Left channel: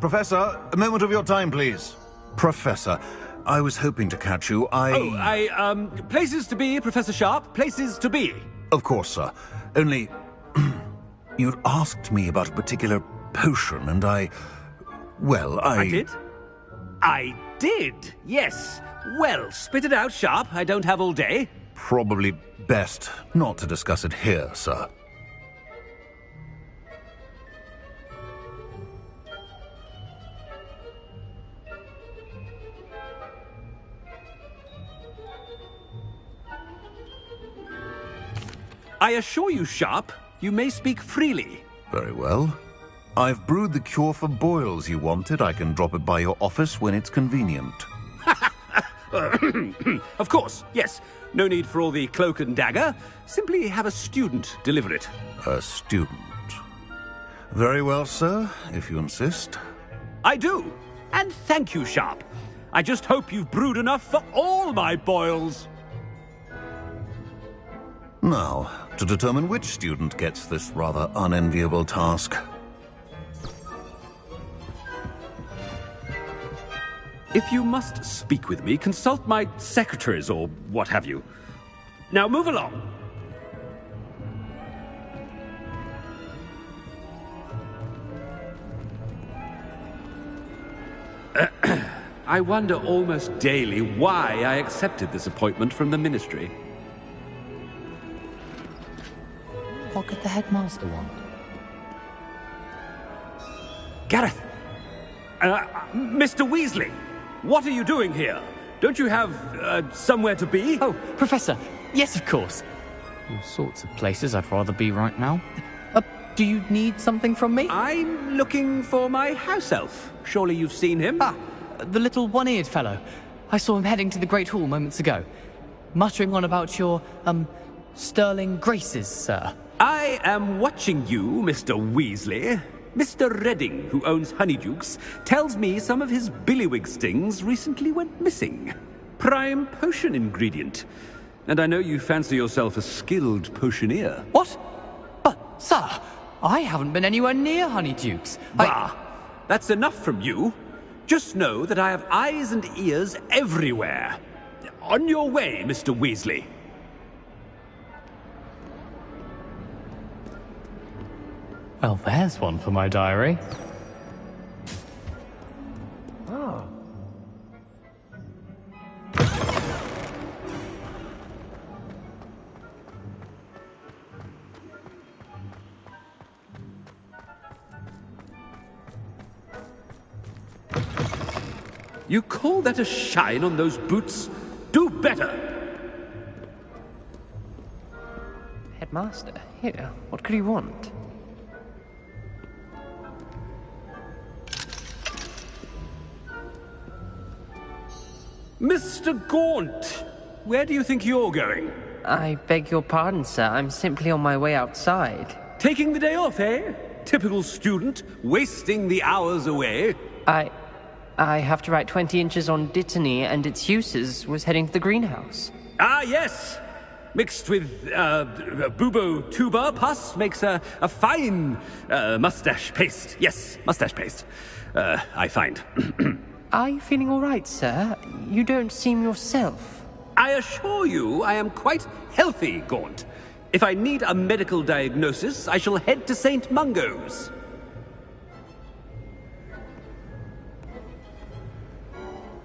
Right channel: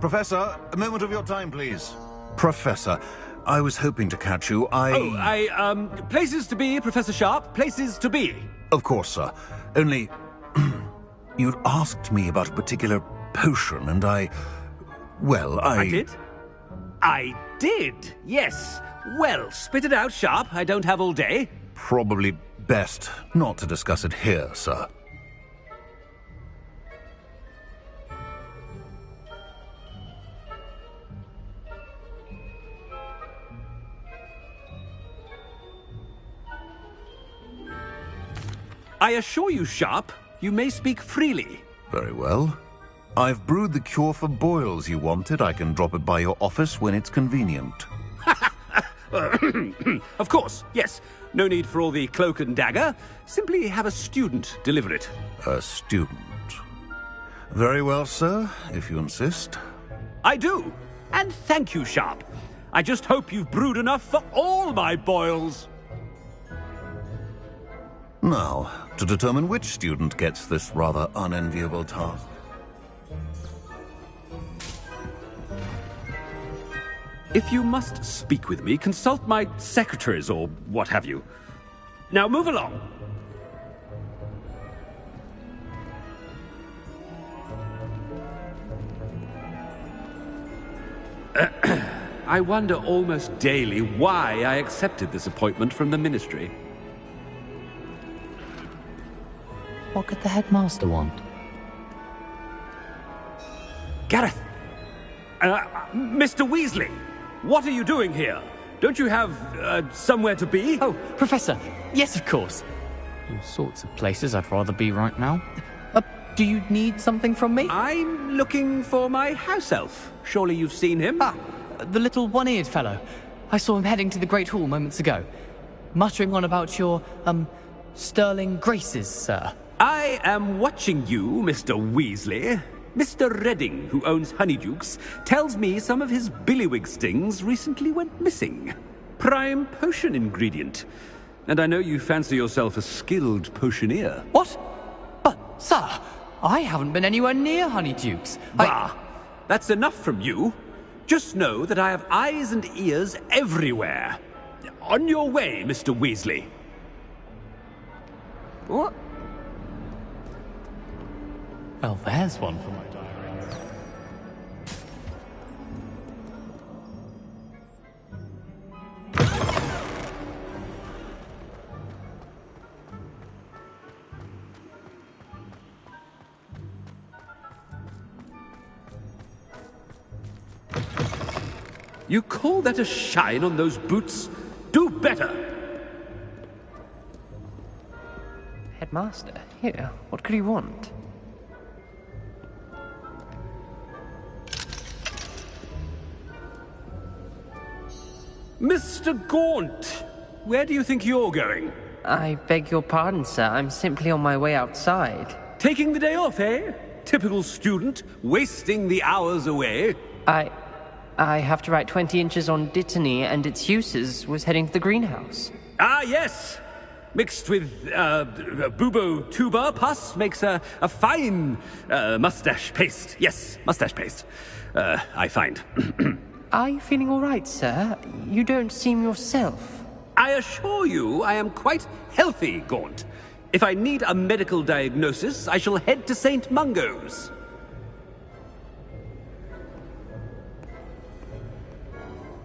Professor, a moment of your time, please. Professor, I was hoping to catch you. Places to be, Professor Sharp. Places to be. Of course, sir. Only... you'd asked me about a particular potion, and I did? I did, yes. Well, spit it out, Sharp. I don't have all day. Probably best not to discuss it here, sir. I assure you, Sharp, you may speak freely. Very well. I've brewed the cure for boils you wanted. I can drop it by your office when it's convenient. Of course, yes. No need for all the cloak and dagger. Simply have a student deliver it. A student. Very well, sir, if you insist. I do. And thank you, Sharp. I just hope you've brewed enough for all my boils. Now, to determine which student gets this rather unenviable task. If you must speak with me, consult my secretaries or what have you. Now move along. I wonder almost daily why I accepted this appointment from the ministry. What could the headmaster want? Gareth! Mr. Weasley! What are you doing here? Don't you have, somewhere to be? Oh, Professor! Yes, of course! All sorts of places I'd rather be right now. Do you need something from me? I'm looking for my house elf. Surely you've seen him? Ah, the little one-eared fellow. I saw him heading to the Great Hall moments ago. Muttering on about your, sterling graces, sir. I am watching you, Mr. Weasley. Mr. Redding, who owns Honeydukes, tells me some of his billywig stings recently went missing. Prime potion ingredient. And I know you fancy yourself a skilled potioneer. What? But, sir, I haven't been anywhere near Honeydukes. Bah! That's enough from you. Just know that I have eyes and ears everywhere. On your way, Mr. Weasley. What? Well, there's one for my diary. Oh. You call that a shine on those boots? Do better! Headmaster, here, what could he want? Mr. Gaunt, where do you think you're going? I beg your pardon, sir. I'm simply on my way outside. Taking the day off, eh? Typical student, wasting the hours away. I have to write 20 inches on Dittany and its uses. Was heading to the greenhouse. Ah, yes! Mixed with, bubo tuber pus makes a fine, mustache paste. Yes, mustache paste. I find. Are you feeling all right, sir? You don't seem yourself. I assure you I am quite healthy, Gaunt. If I need a medical diagnosis, I shall head to St. Mungo's.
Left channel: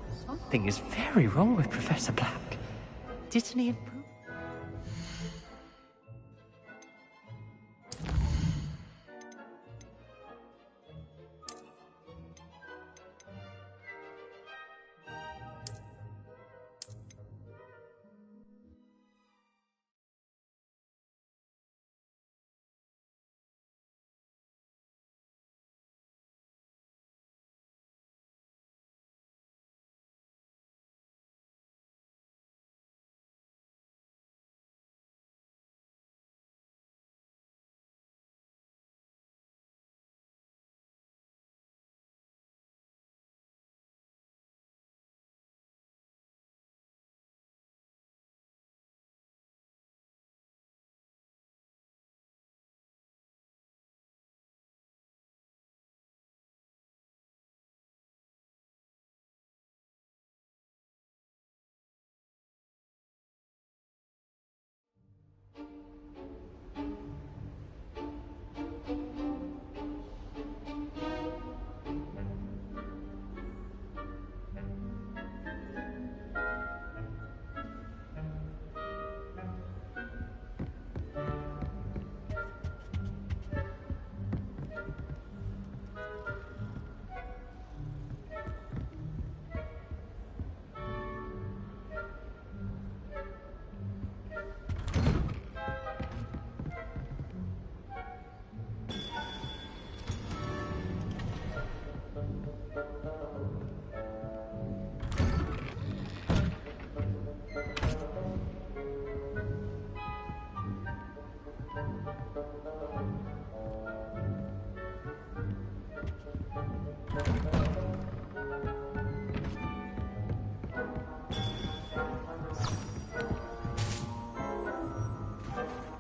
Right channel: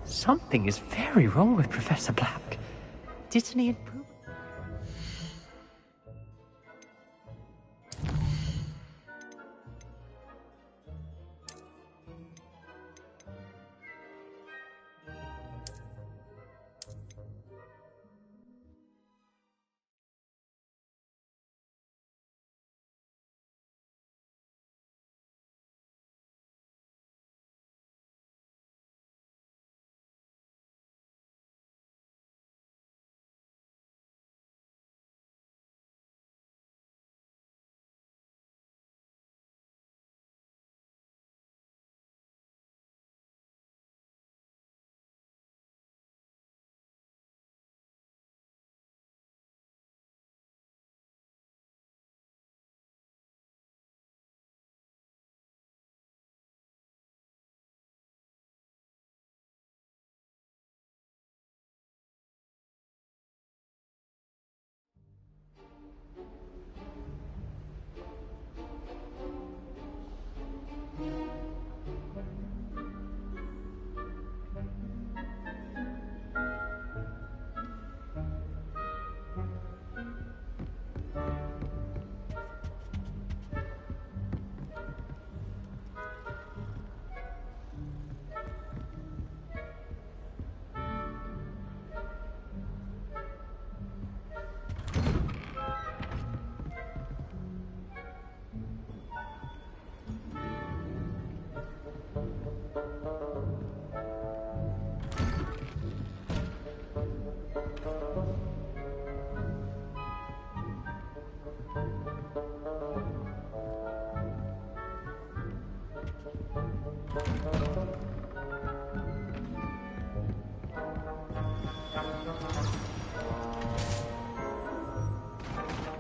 Something is very wrong with Professor Black. Dittany and Pooh.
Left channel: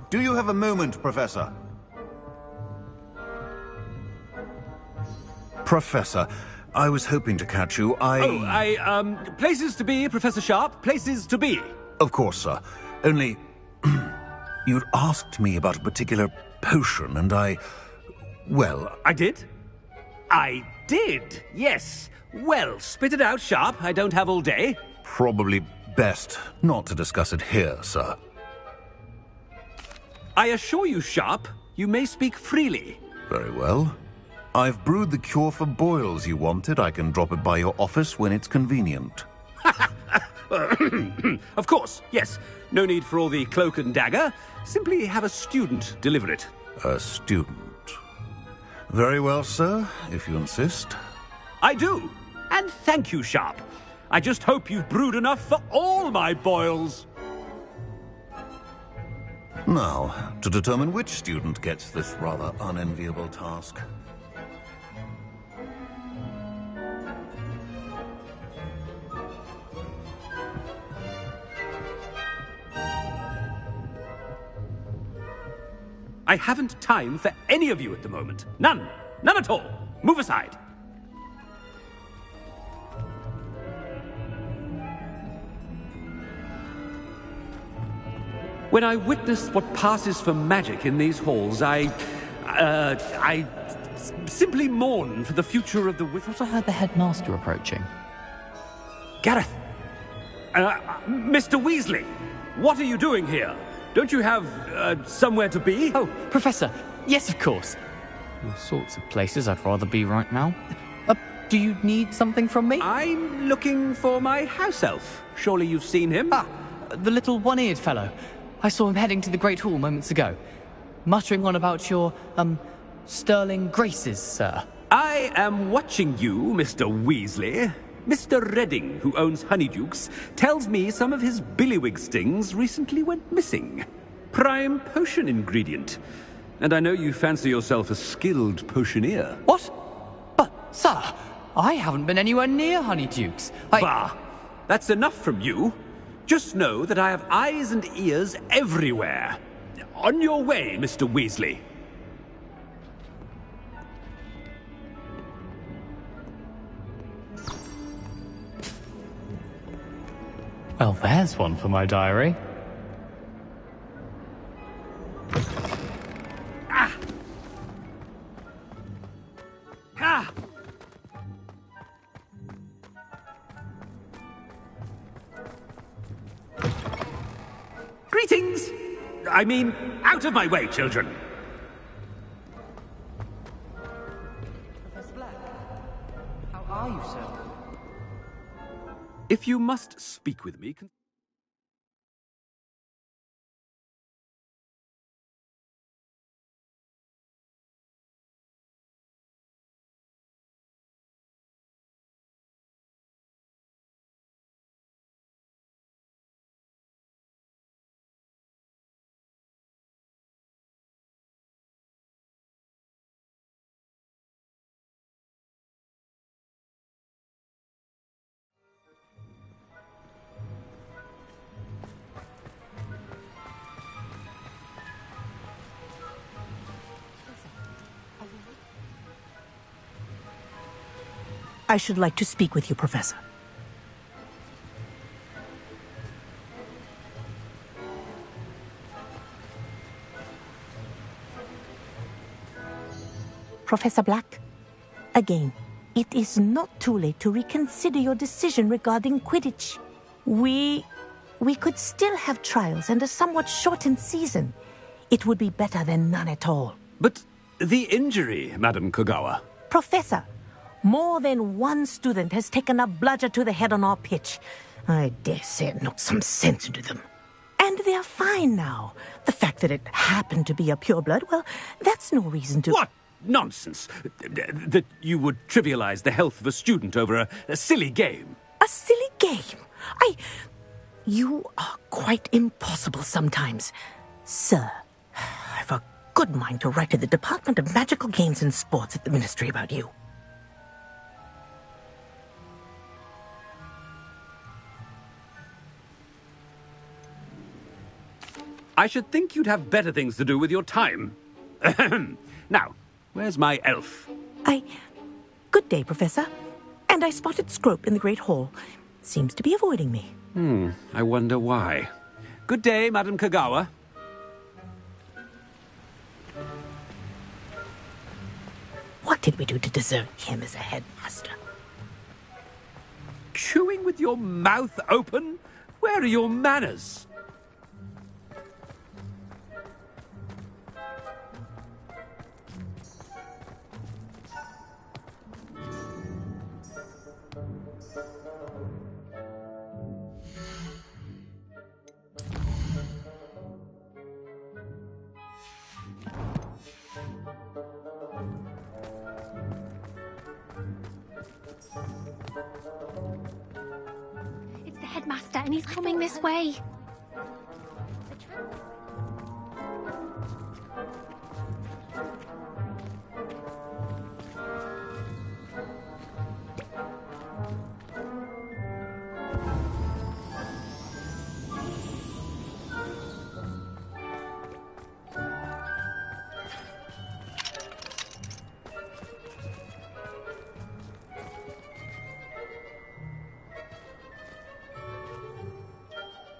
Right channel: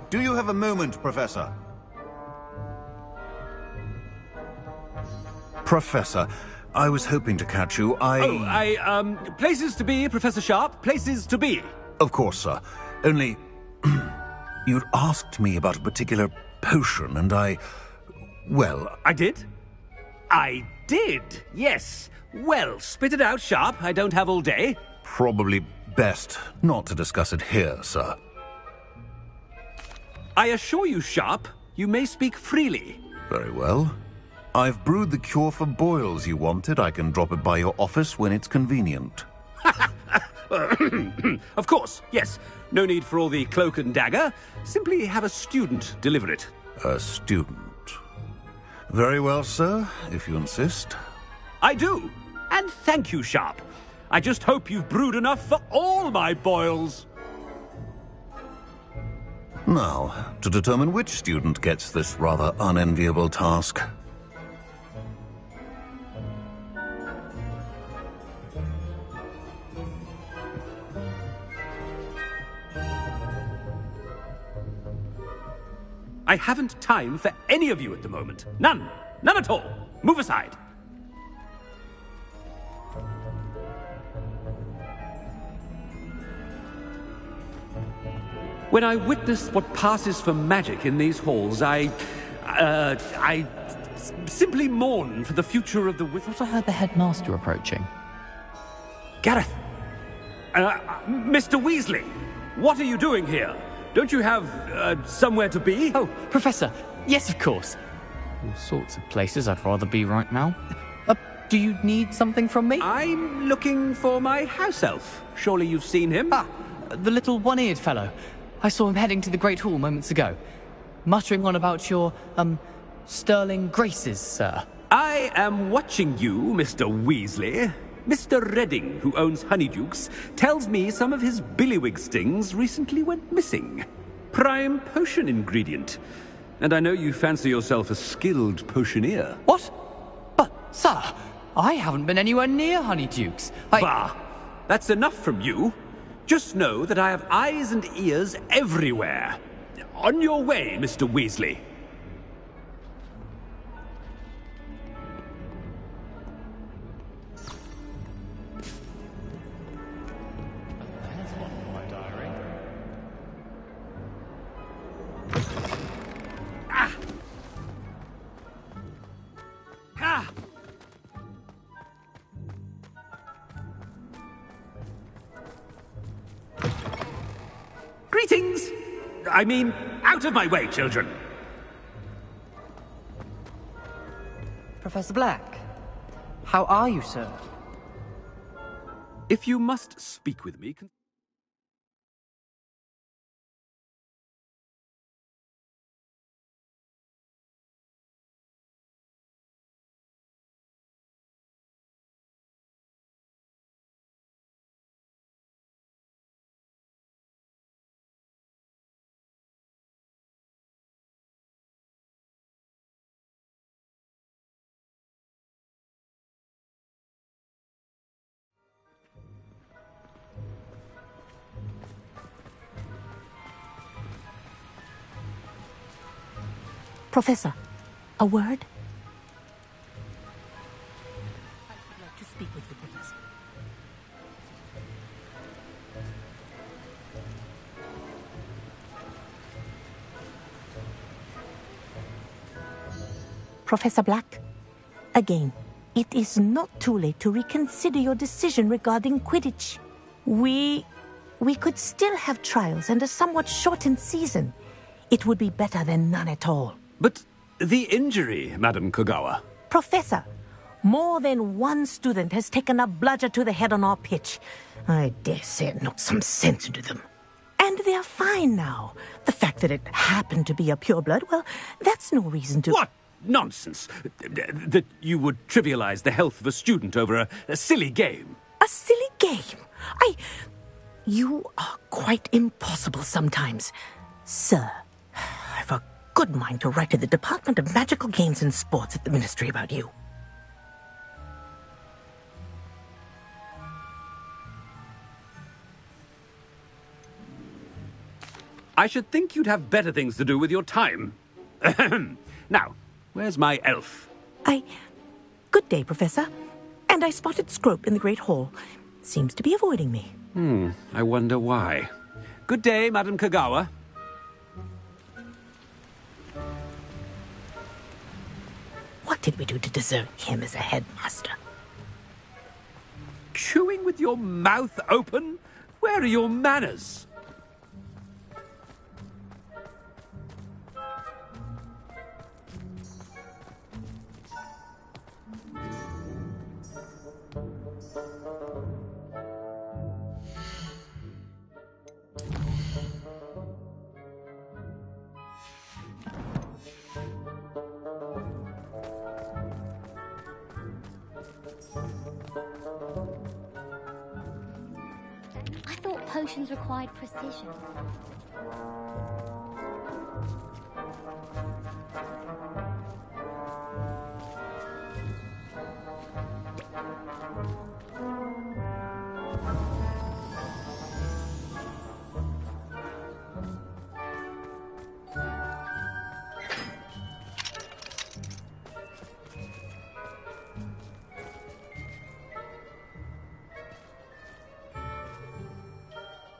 Do you have a moment, Professor? Professor, I was hoping to catch you. Places to be, Professor Sharp. Places to be. Of course, sir. Only... you'd asked me about a particular potion, and well... I did? I did, yes. Well, spit it out, Sharp. I don't have all day. Probably best not to discuss it here, sir. I assure you, Sharp, you may speak freely. Very well. I've brewed the cure for boils you wanted. I can drop it by your office when it's convenient. Of course, yes. No need for all the cloak and dagger. Simply have a student deliver it. A student. Very well, sir, if you insist. I do. And thank you, Sharp. I just hope you've brewed enough for all my boils. Now, to determine which student gets this rather unenviable task. I haven't time for any of you at the moment. None. None at all. Move aside. When I witness what passes for magic in these halls, I simply mourn for the future of the I thought I heard the headmaster approaching. Gareth! Mr. Weasley, what are you doing here? Don't you have, somewhere to be? Oh, Professor, yes, of course. All sorts of places I'd rather be right now. Do you need something from me? I'm looking for my house elf. Surely you've seen him? Ah, the little one-eared fellow. I saw him heading to the Great Hall moments ago, muttering on about your, sterling graces, sir. I am watching you, Mr. Weasley. Mr. Redding, who owns Honeydukes, tells me some of his billywig stings recently went missing. Prime potion ingredient. And I know you fancy yourself a skilled potioneer. What? But, sir, I haven't been anywhere near Honeydukes. Bah! That's enough from you. Just know that I have eyes and ears everywhere. On your way, Mr. Weasley. Well, there's one for my diary. Ah! Ah! Greetings! I mean, out of my way, children! Professor Black, how are you, sir? If you must speak with me... Professor, a word? I should like to speak with you, Professor. Professor Black, again, it is not too late to reconsider your decision regarding Quidditch. We could still have trials and a somewhat shortened season. It would be better than none at all. But the injury, Madam Kogawa. Professor, more than one student has taken a bludger to the head on our pitch. I dare say it knocked some sense into them. And they're fine now. The fact that it happened to be a pureblood, well, that's no reason to... What nonsense! That you would trivialize the health of a student over a silly game. A silly game? You are quite impossible sometimes. Sir, I've a good mind to write to the Department of Magical Games and Sports at the Ministry about you. I should think you'd have better things to do with your time. Now, where's my elf? Good day, Professor. And I spotted Scrope in the Great Hall. Seems to be avoiding me. I wonder why. Good day, Madam Kagawa. What did we do to deserve him as a headmaster? Chewing with your mouth open? Where are your manners? It's the headmaster, and he's coming this way. Required precision.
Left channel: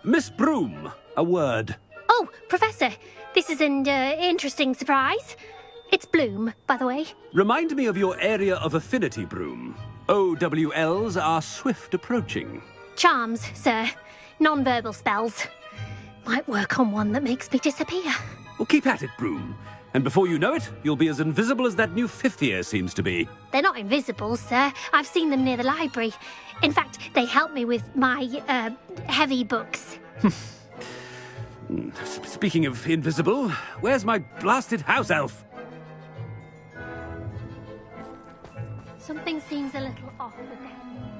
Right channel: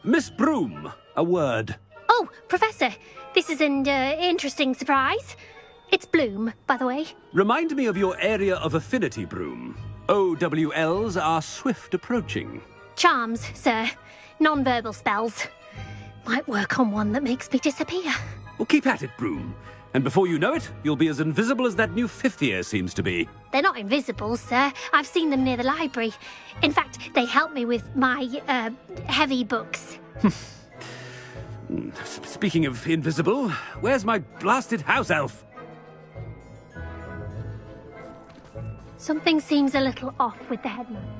Miss Broom, a word. Oh, Professor, this is an interesting surprise. It's Bloom, by the way. Remind me of your area of affinity, Broom. OWLs are swift approaching. Charms, sir. Non-verbal spells. Might work on one that makes me disappear. Well, keep at it, Broom. And before you know it, you'll be as invisible as that new fifth year seems to be. They're not invisible, sir. I've seen them near the library. In fact, they help me with my, heavy books. Speaking of invisible, where's my blasted house elf? Something seems a little off with the headmaster.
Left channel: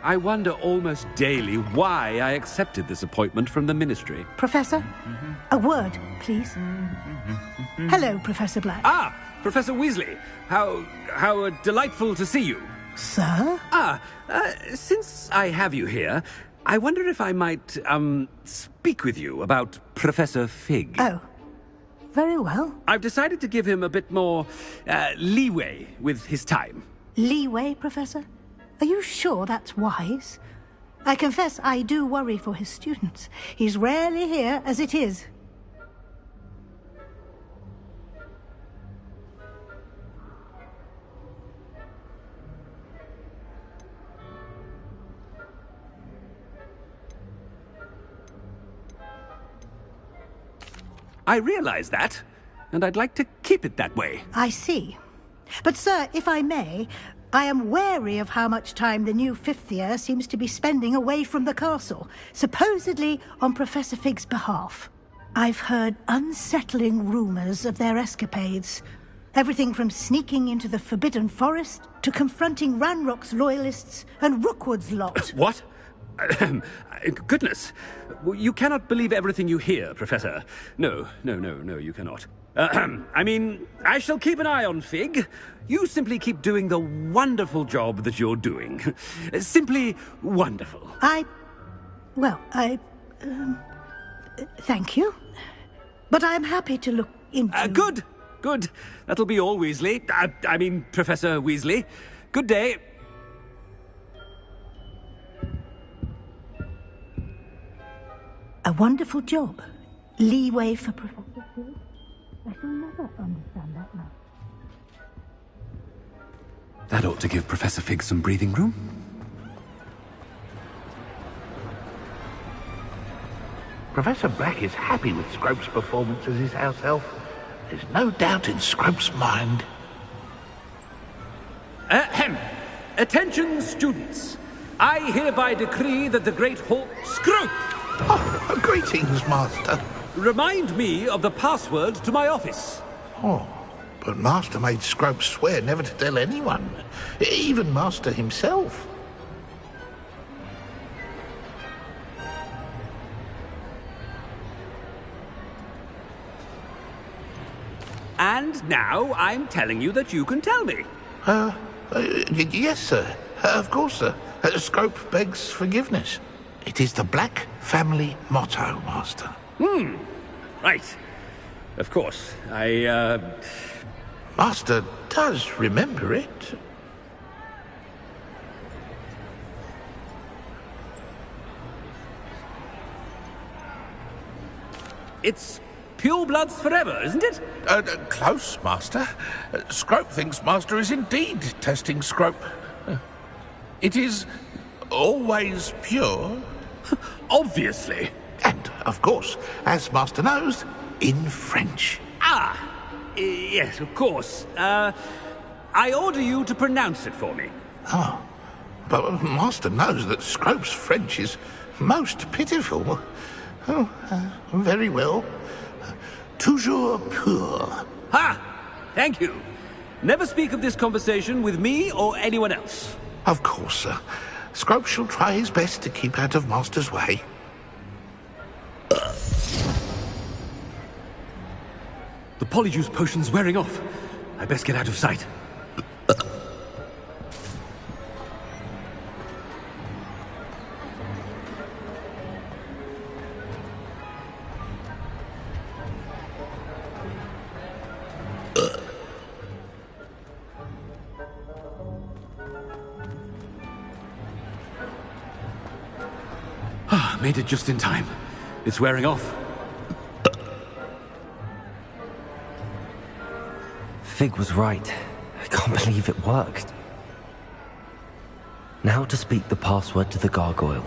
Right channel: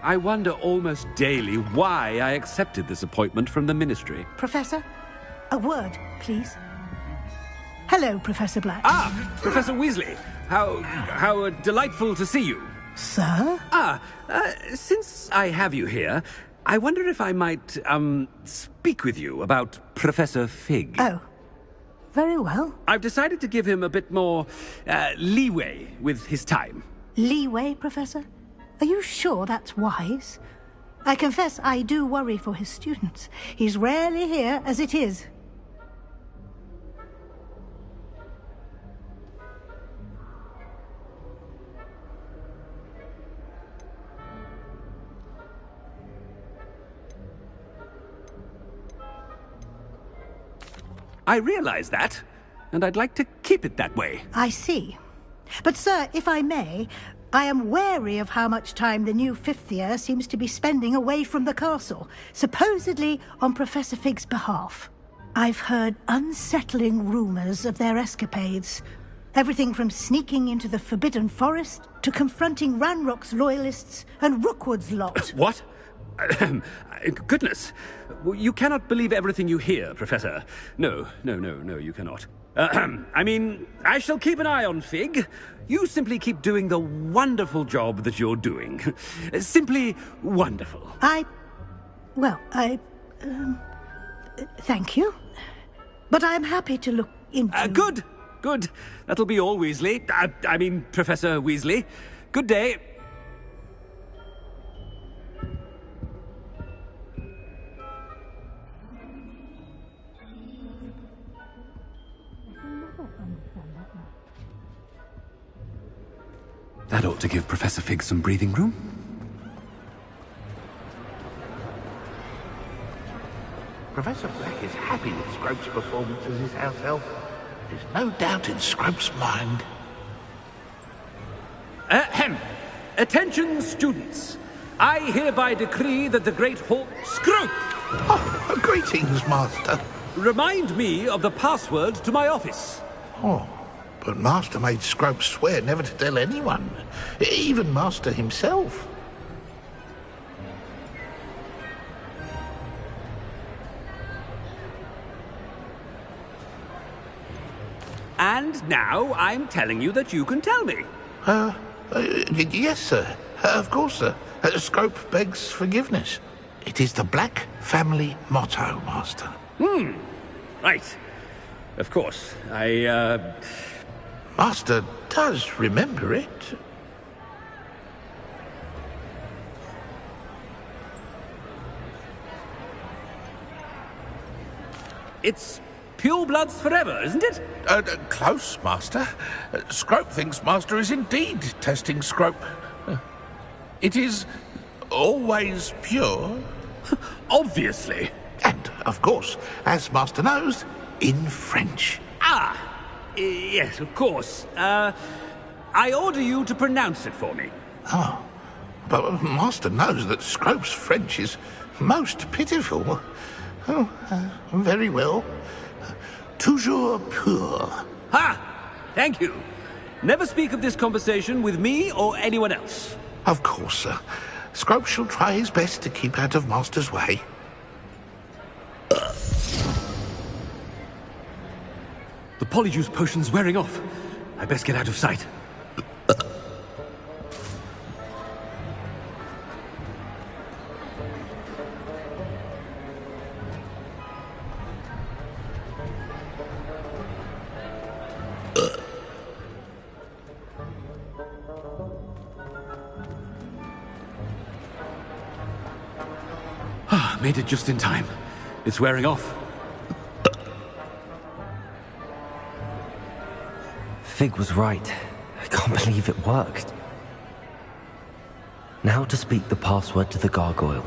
I wonder almost daily why I accepted this appointment from the Ministry. Professor, a word, please. Hello, Professor Black. Ah, Professor Weasley. How delightful to see you. Sir? Since I have you here, I wonder if I might, speak with you about Professor Fig. Oh, very well. I've decided to give him a bit more, leeway with his time. Leeway, Professor? Are you sure that's wise? I confess I do worry for his students. He's rarely here as it is. I realize that, and I'd like to keep it that way. I see. But, sir, if I may, I am wary of how much time the new fifth year seems to be spending away from the castle, supposedly on Professor Fig's behalf. I've heard unsettling rumours of their escapades. Everything from sneaking into the Forbidden Forest to confronting Ranrock's loyalists and Rookwood's lot. What? Goodness. You cannot believe everything you hear, Professor. No, you cannot. I mean, I shall keep an eye on Fig. You simply keep doing the wonderful job that you're doing. Simply wonderful. Thank you. But I'm happy to look into... Good. That'll be all, Weasley. I mean, Professor Weasley. Good day. A wonderful job. Leeway for Professor Fig. I shall never understand that now. That ought to give Professor Fig some breathing room. Professor Black is happy with Scrope's performance as his house elf. There's no doubt in Scrope's mind. Ahem. Attention, students. I hereby decree that the Great Hall... Scrope! Oh, greetings, Master. Remind me of the password to my office. Oh, but Master made Scrope swear never to tell anyone, even Master himself. And now I'm telling you that you can tell me. Yes, sir. Of course, sir. Scrope begs forgiveness. It is the Black family motto, Master. Right. Of course. Master does remember it. It's pure bloods forever, isn't it? Close, Master. Scrope thinks Master is indeed testing Scrope. It is always pure. Obviously. And, of course, as Master knows, in French. Yes, of course. I order you to pronounce it for me. Oh, but Master knows that Scrope's French is most pitiful. Oh, very well. Toujours pur. Ha! Thank you. Never speak of this conversation with me or anyone else. Of course, sir. Scrope shall try his best to keep out of Master's way. The polyjuice potion's wearing off. I best get out of sight. Made it just in time. It's wearing off. Fig was right. I can't believe it worked. Now to speak the password to the gargoyle.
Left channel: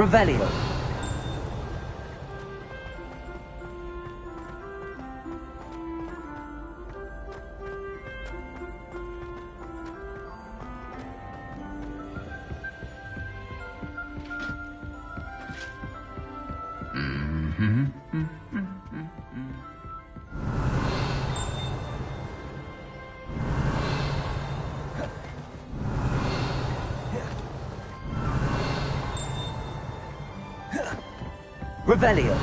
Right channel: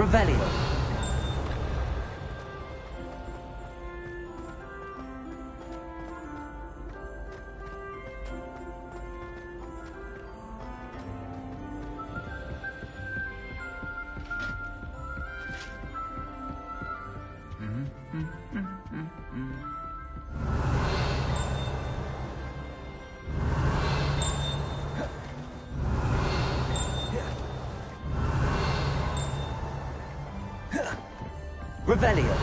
Revelio. Revelio.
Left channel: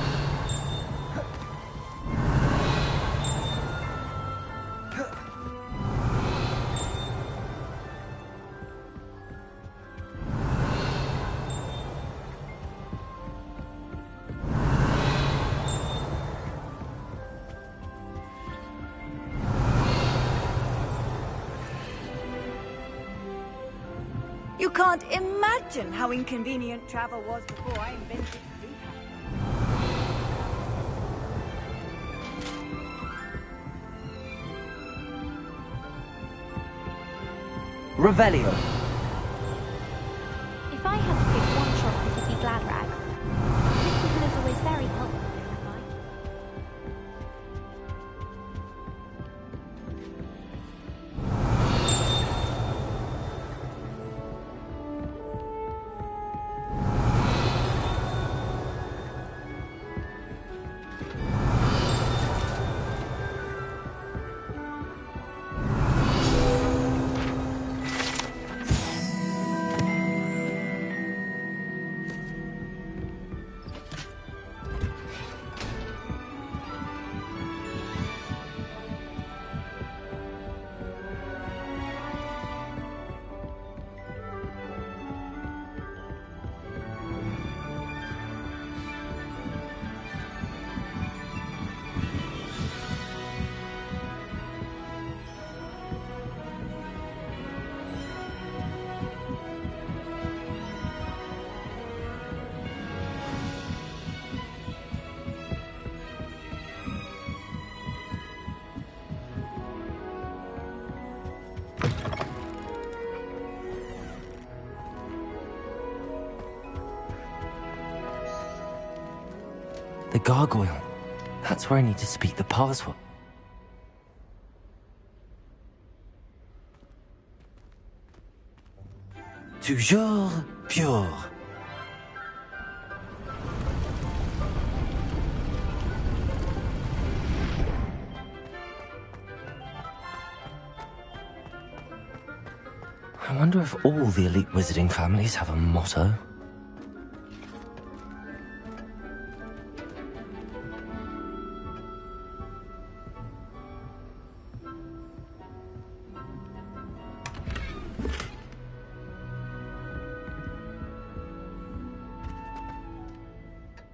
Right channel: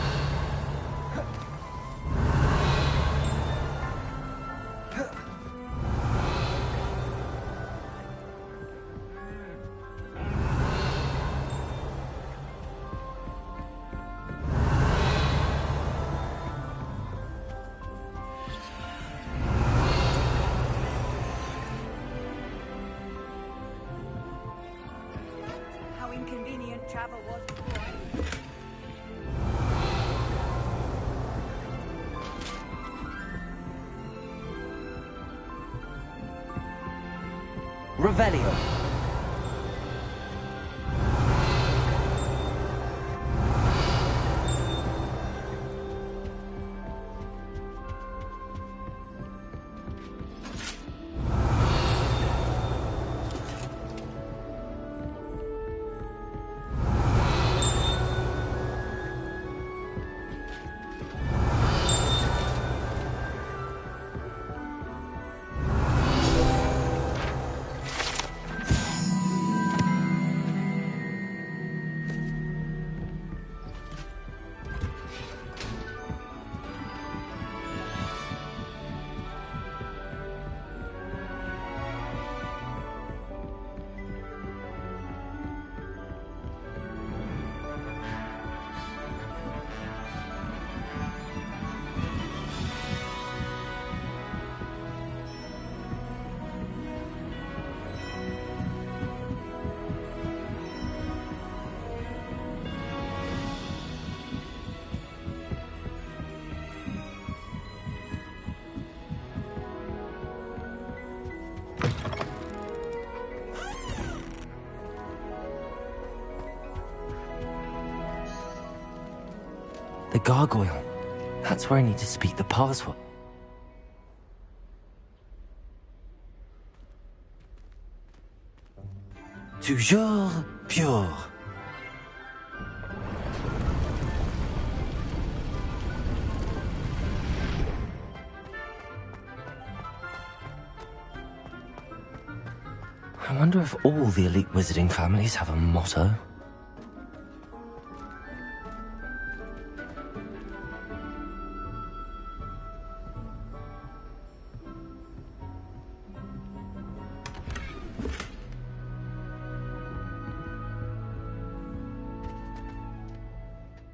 You can't imagine how inconvenient travel was before I invented it. Revelio. If I had to be glad rag. It was very hot. The gargoyle. That's where I need to speak the password. Toujours pure. I wonder if all the elite wizarding families have a motto.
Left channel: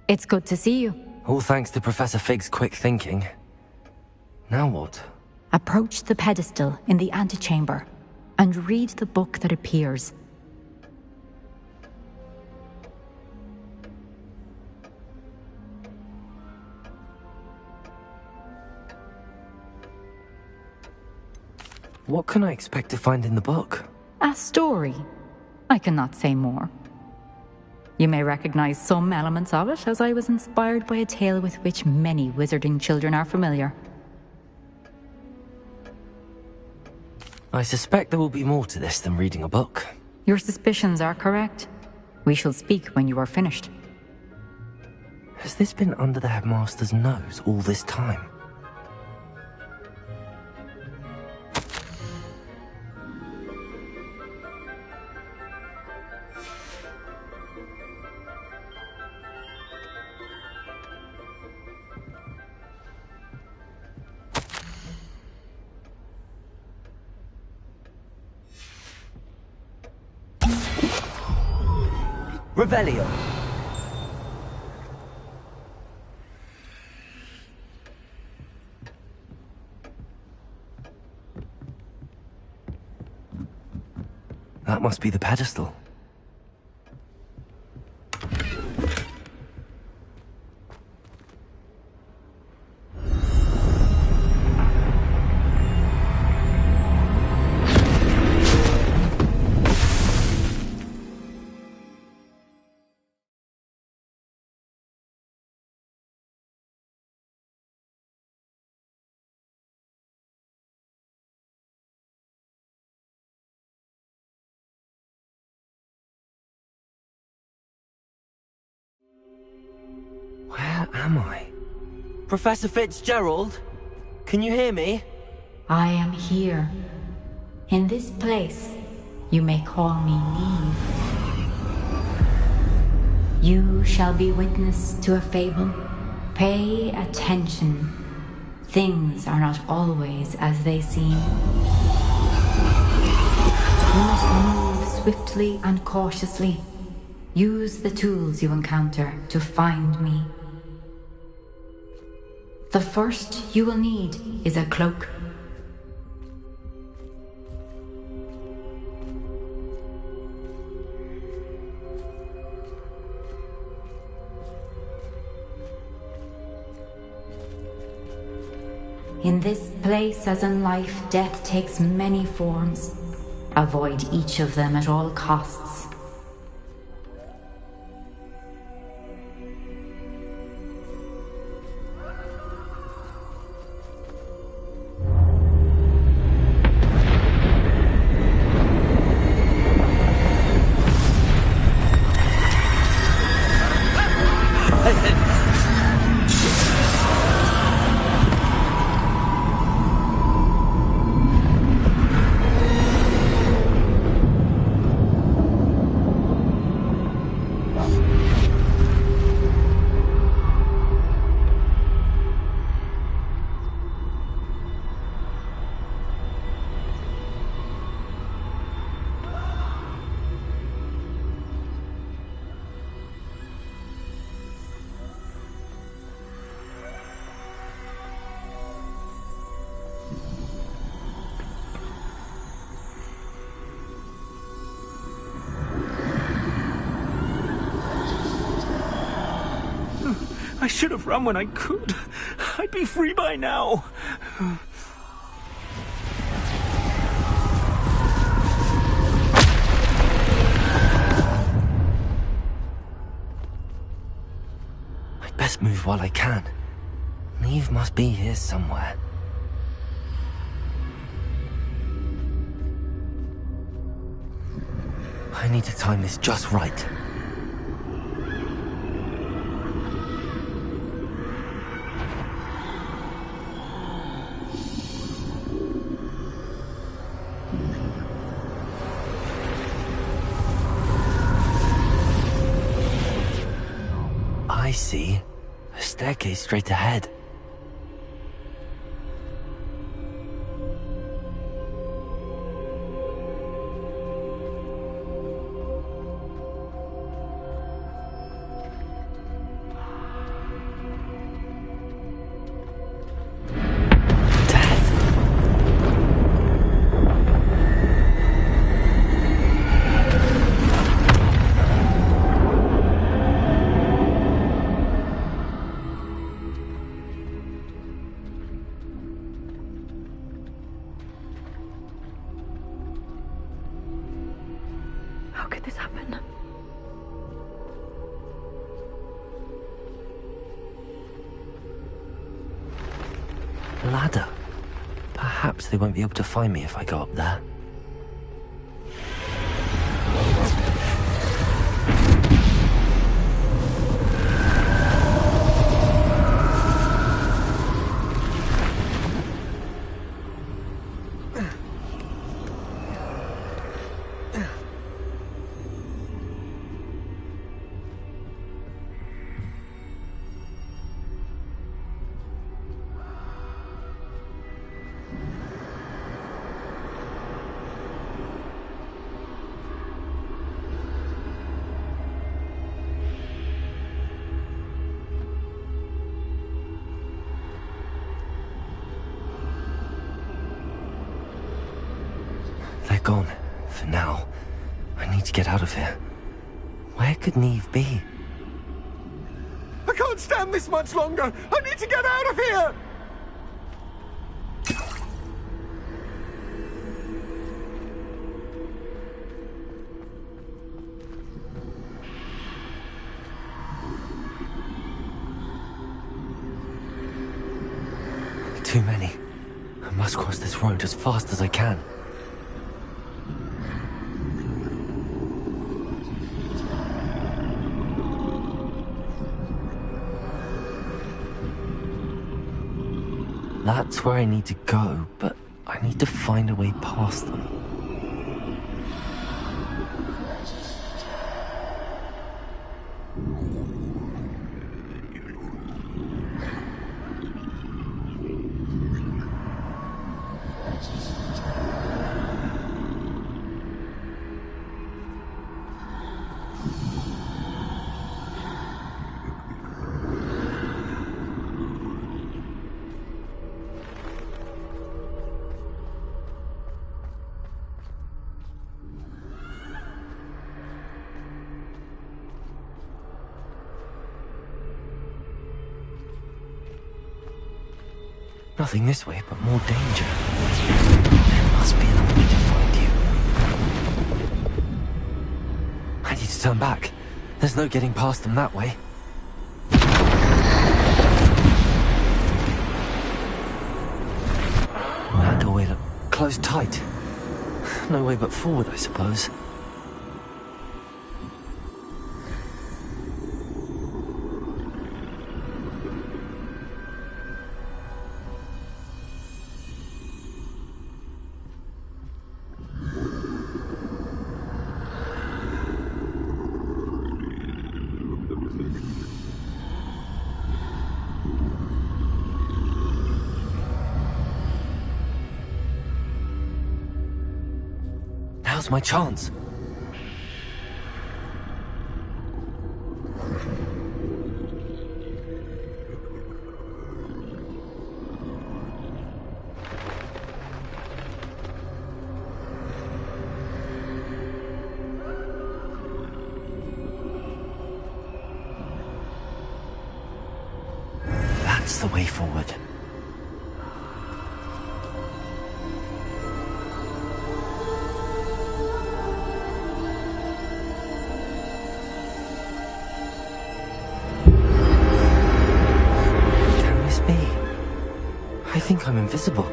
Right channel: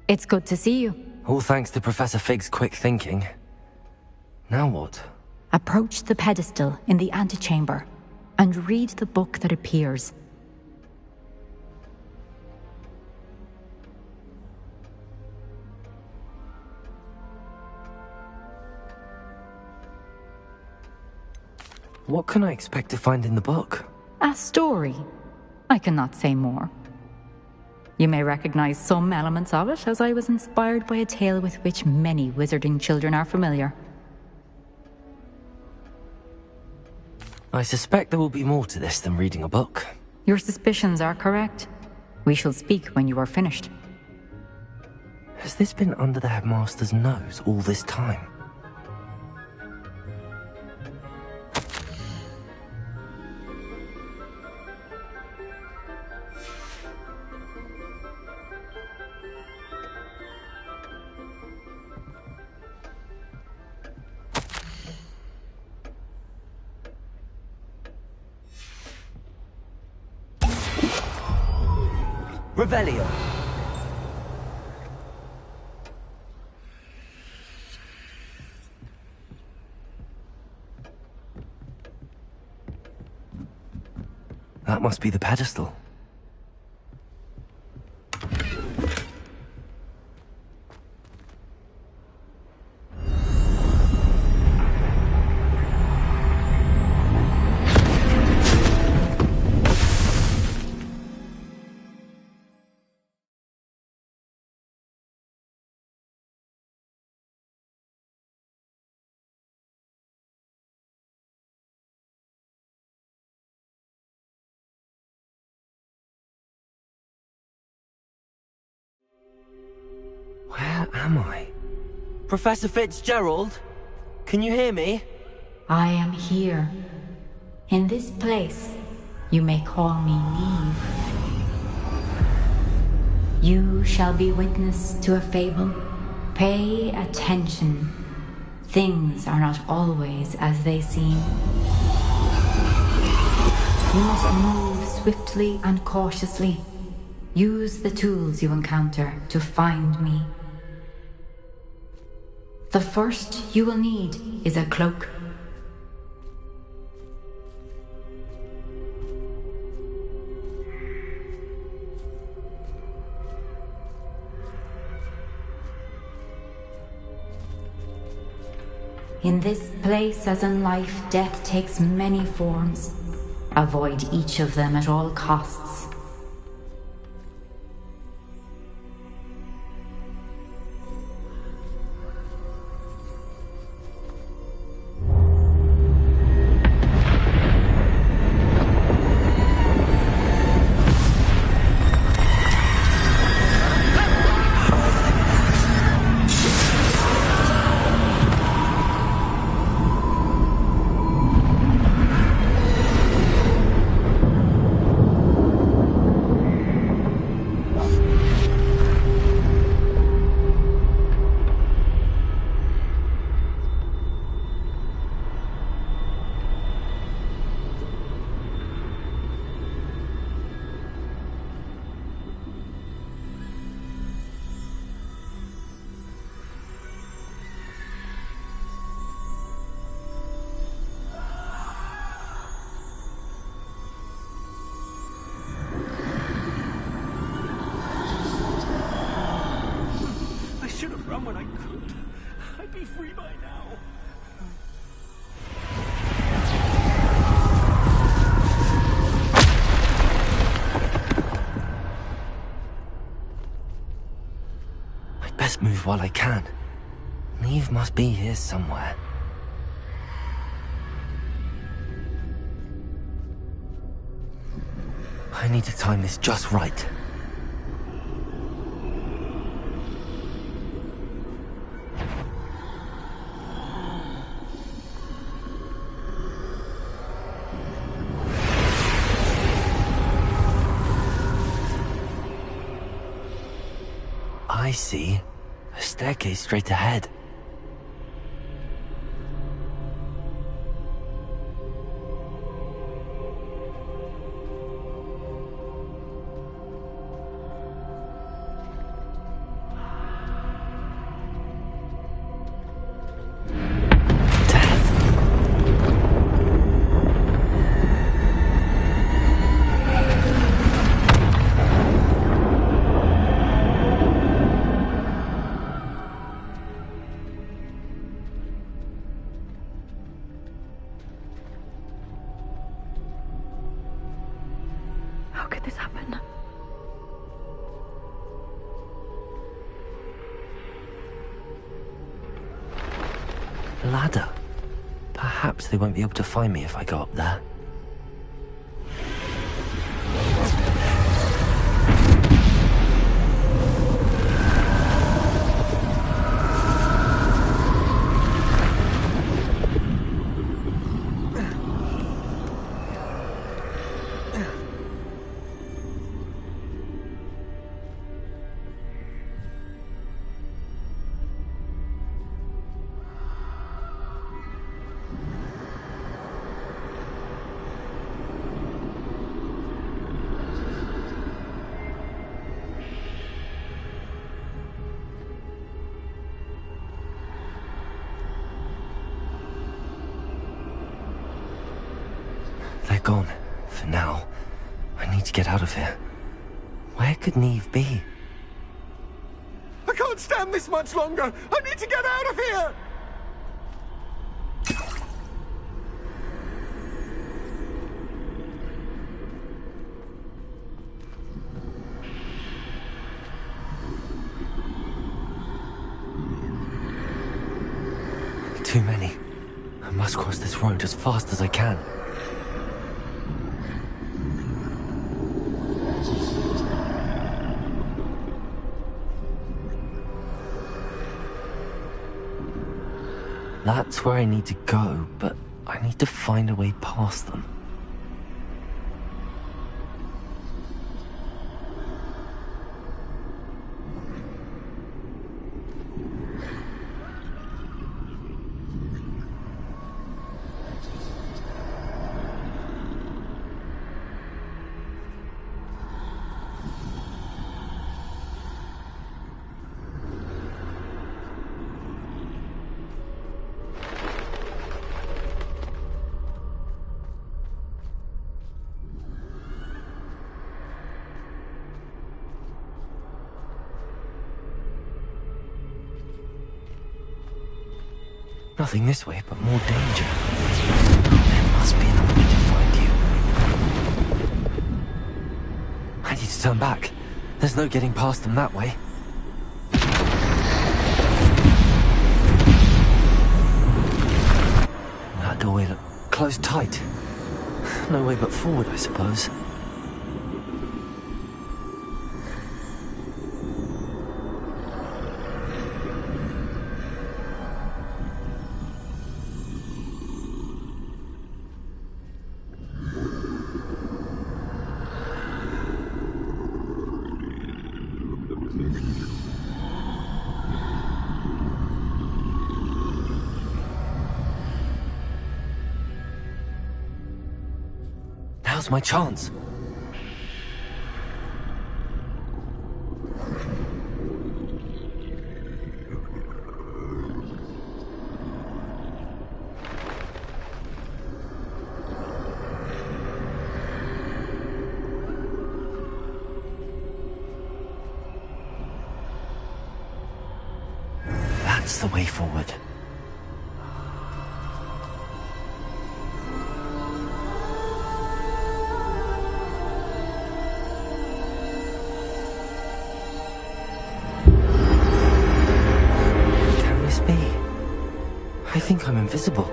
It's good to see you. All thanks to Professor Fig's quick thinking. Now what? Approach the pedestal in the antechamber and read the book that appears. What can I expect to find in the book? A story. I cannot say more. You may recognize some elements of it, as I was inspired by a tale with which many wizarding children are familiar. I suspect there will be more to this than reading a book. Your suspicions are correct. We shall speak when you are finished. Has this been under the headmaster's nose all this time? Revelio. That must be the pedestal. Where am I? Professor Fitzgerald? Can you hear me? I am here. In this place, you may call me Neve. You shall be witness to a fable. Pay attention. Things are not always as they seem. You must move swiftly and cautiously. Use the tools you encounter to find me. The first you will need is a cloak. In this place, as in life, death takes many forms. Avoid each of them at all costs. I should have run when I could. I'd be free by now. I'd best move while I can. Neve must be here somewhere. I need to time this just right. I see. A staircase straight ahead. How could this happen? Ladder. Perhaps they won't be able to find me if I go up there. They're gone, for now. I need to get out of here. Where could Neve be? I can't stand this much longer! I need to get out of here! Too many. I must cross this road as fast as I can. That's where I need to go, but I need to find a way past them. Nothing this way, but more danger. There must be another way to find you. I need to turn back. There's no getting past them that way. That doorway looked closed tight. No way but forward, I suppose. Now's my chance. That's the way forward. I think I'm invisible.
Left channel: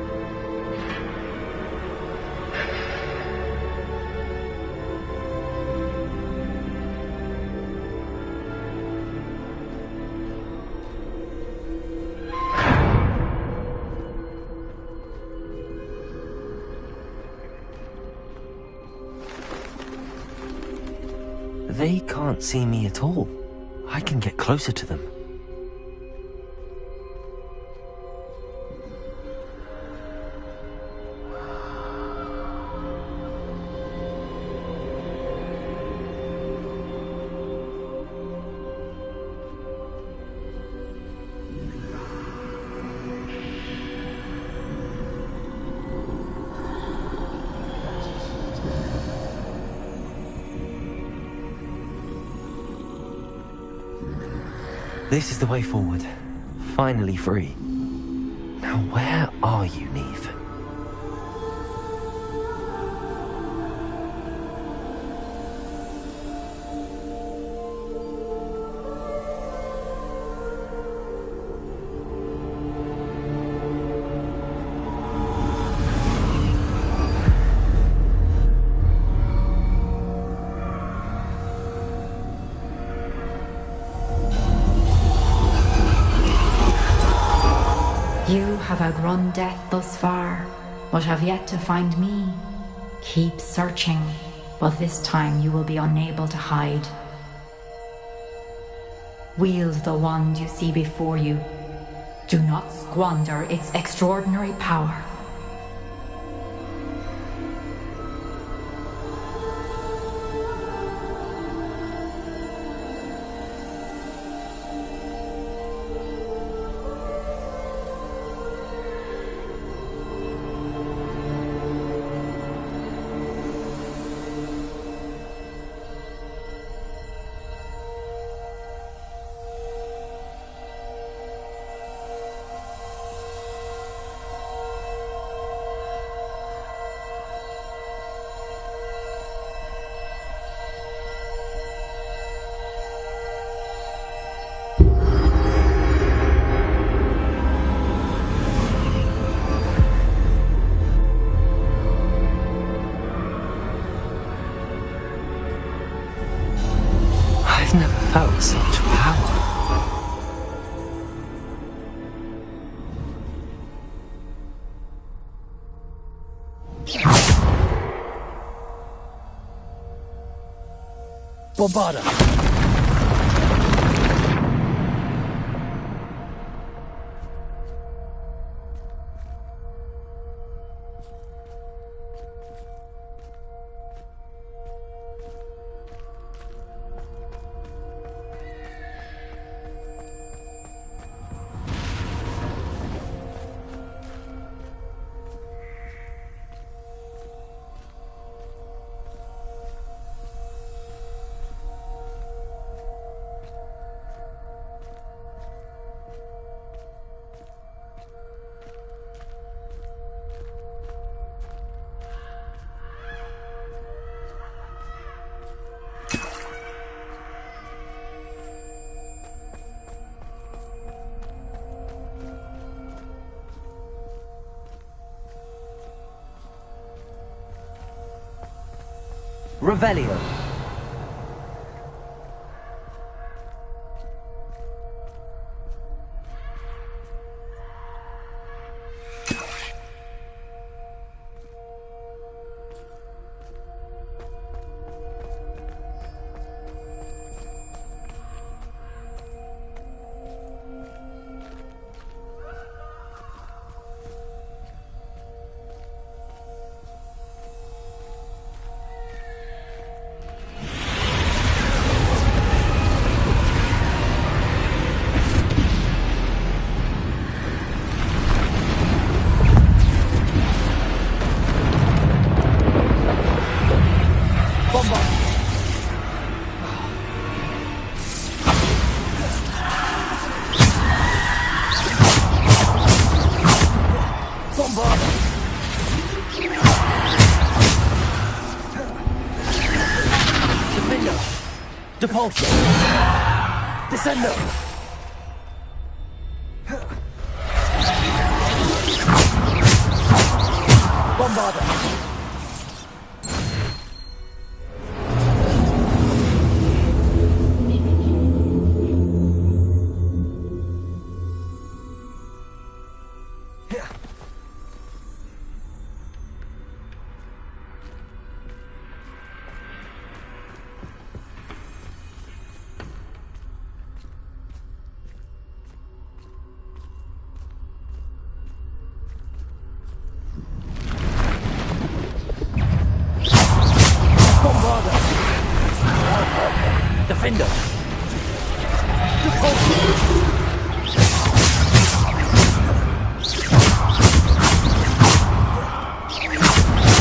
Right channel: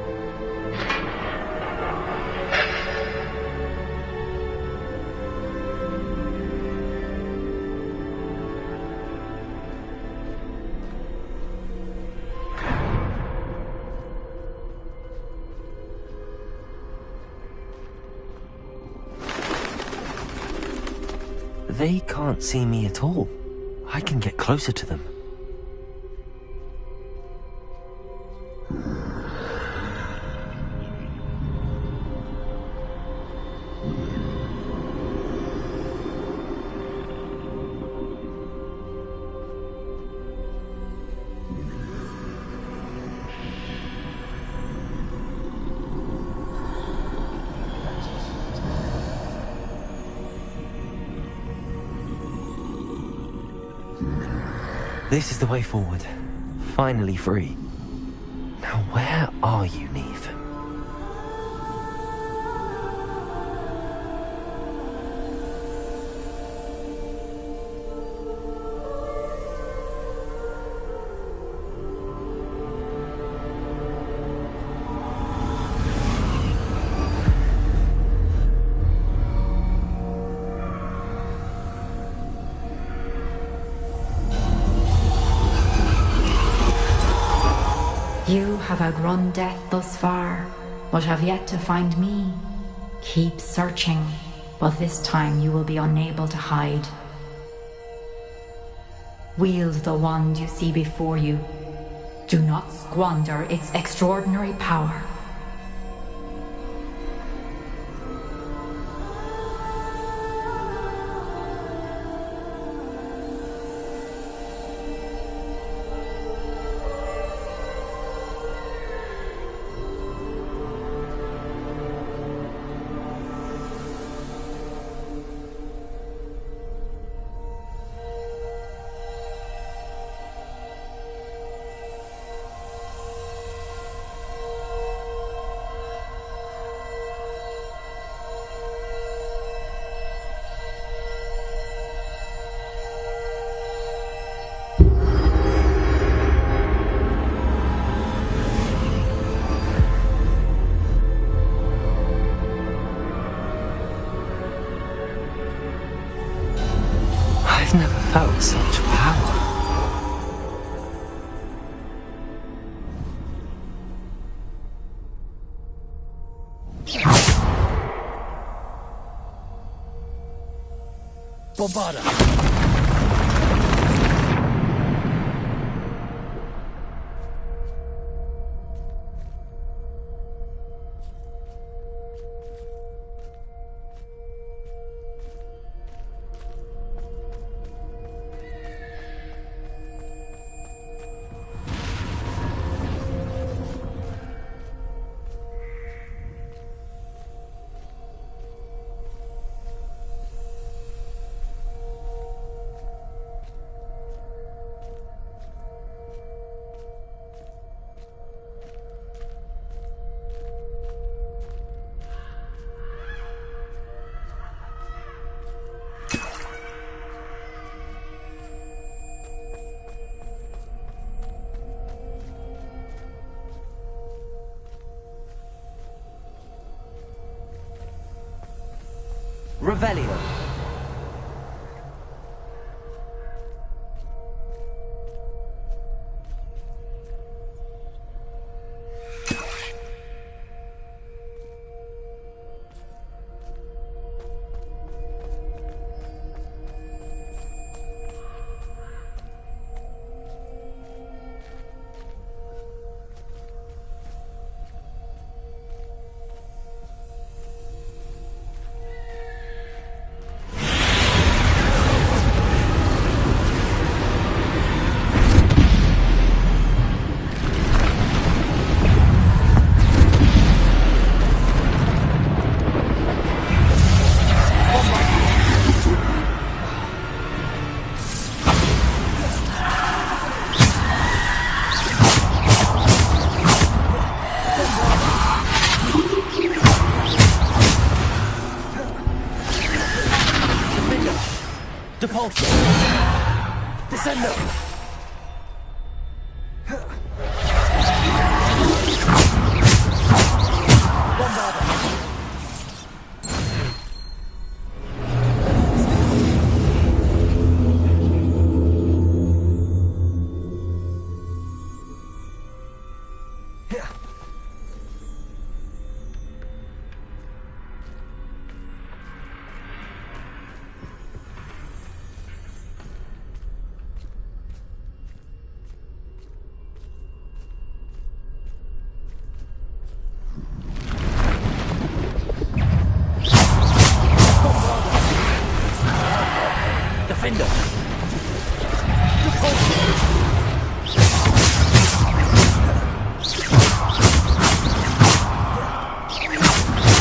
They can't see me at all. I can get closer to them. This is the way forward. Finally free. Now where are you, Neve? You have outrun death thus far, but have yet to find me. Keep searching, but this time you will be unable to hide. Wield the wand you see before you. Do not squander its extraordinary power. I've never felt such power. Bombarda! Revelio. Depulso! Descendo! Bombarda! Defender!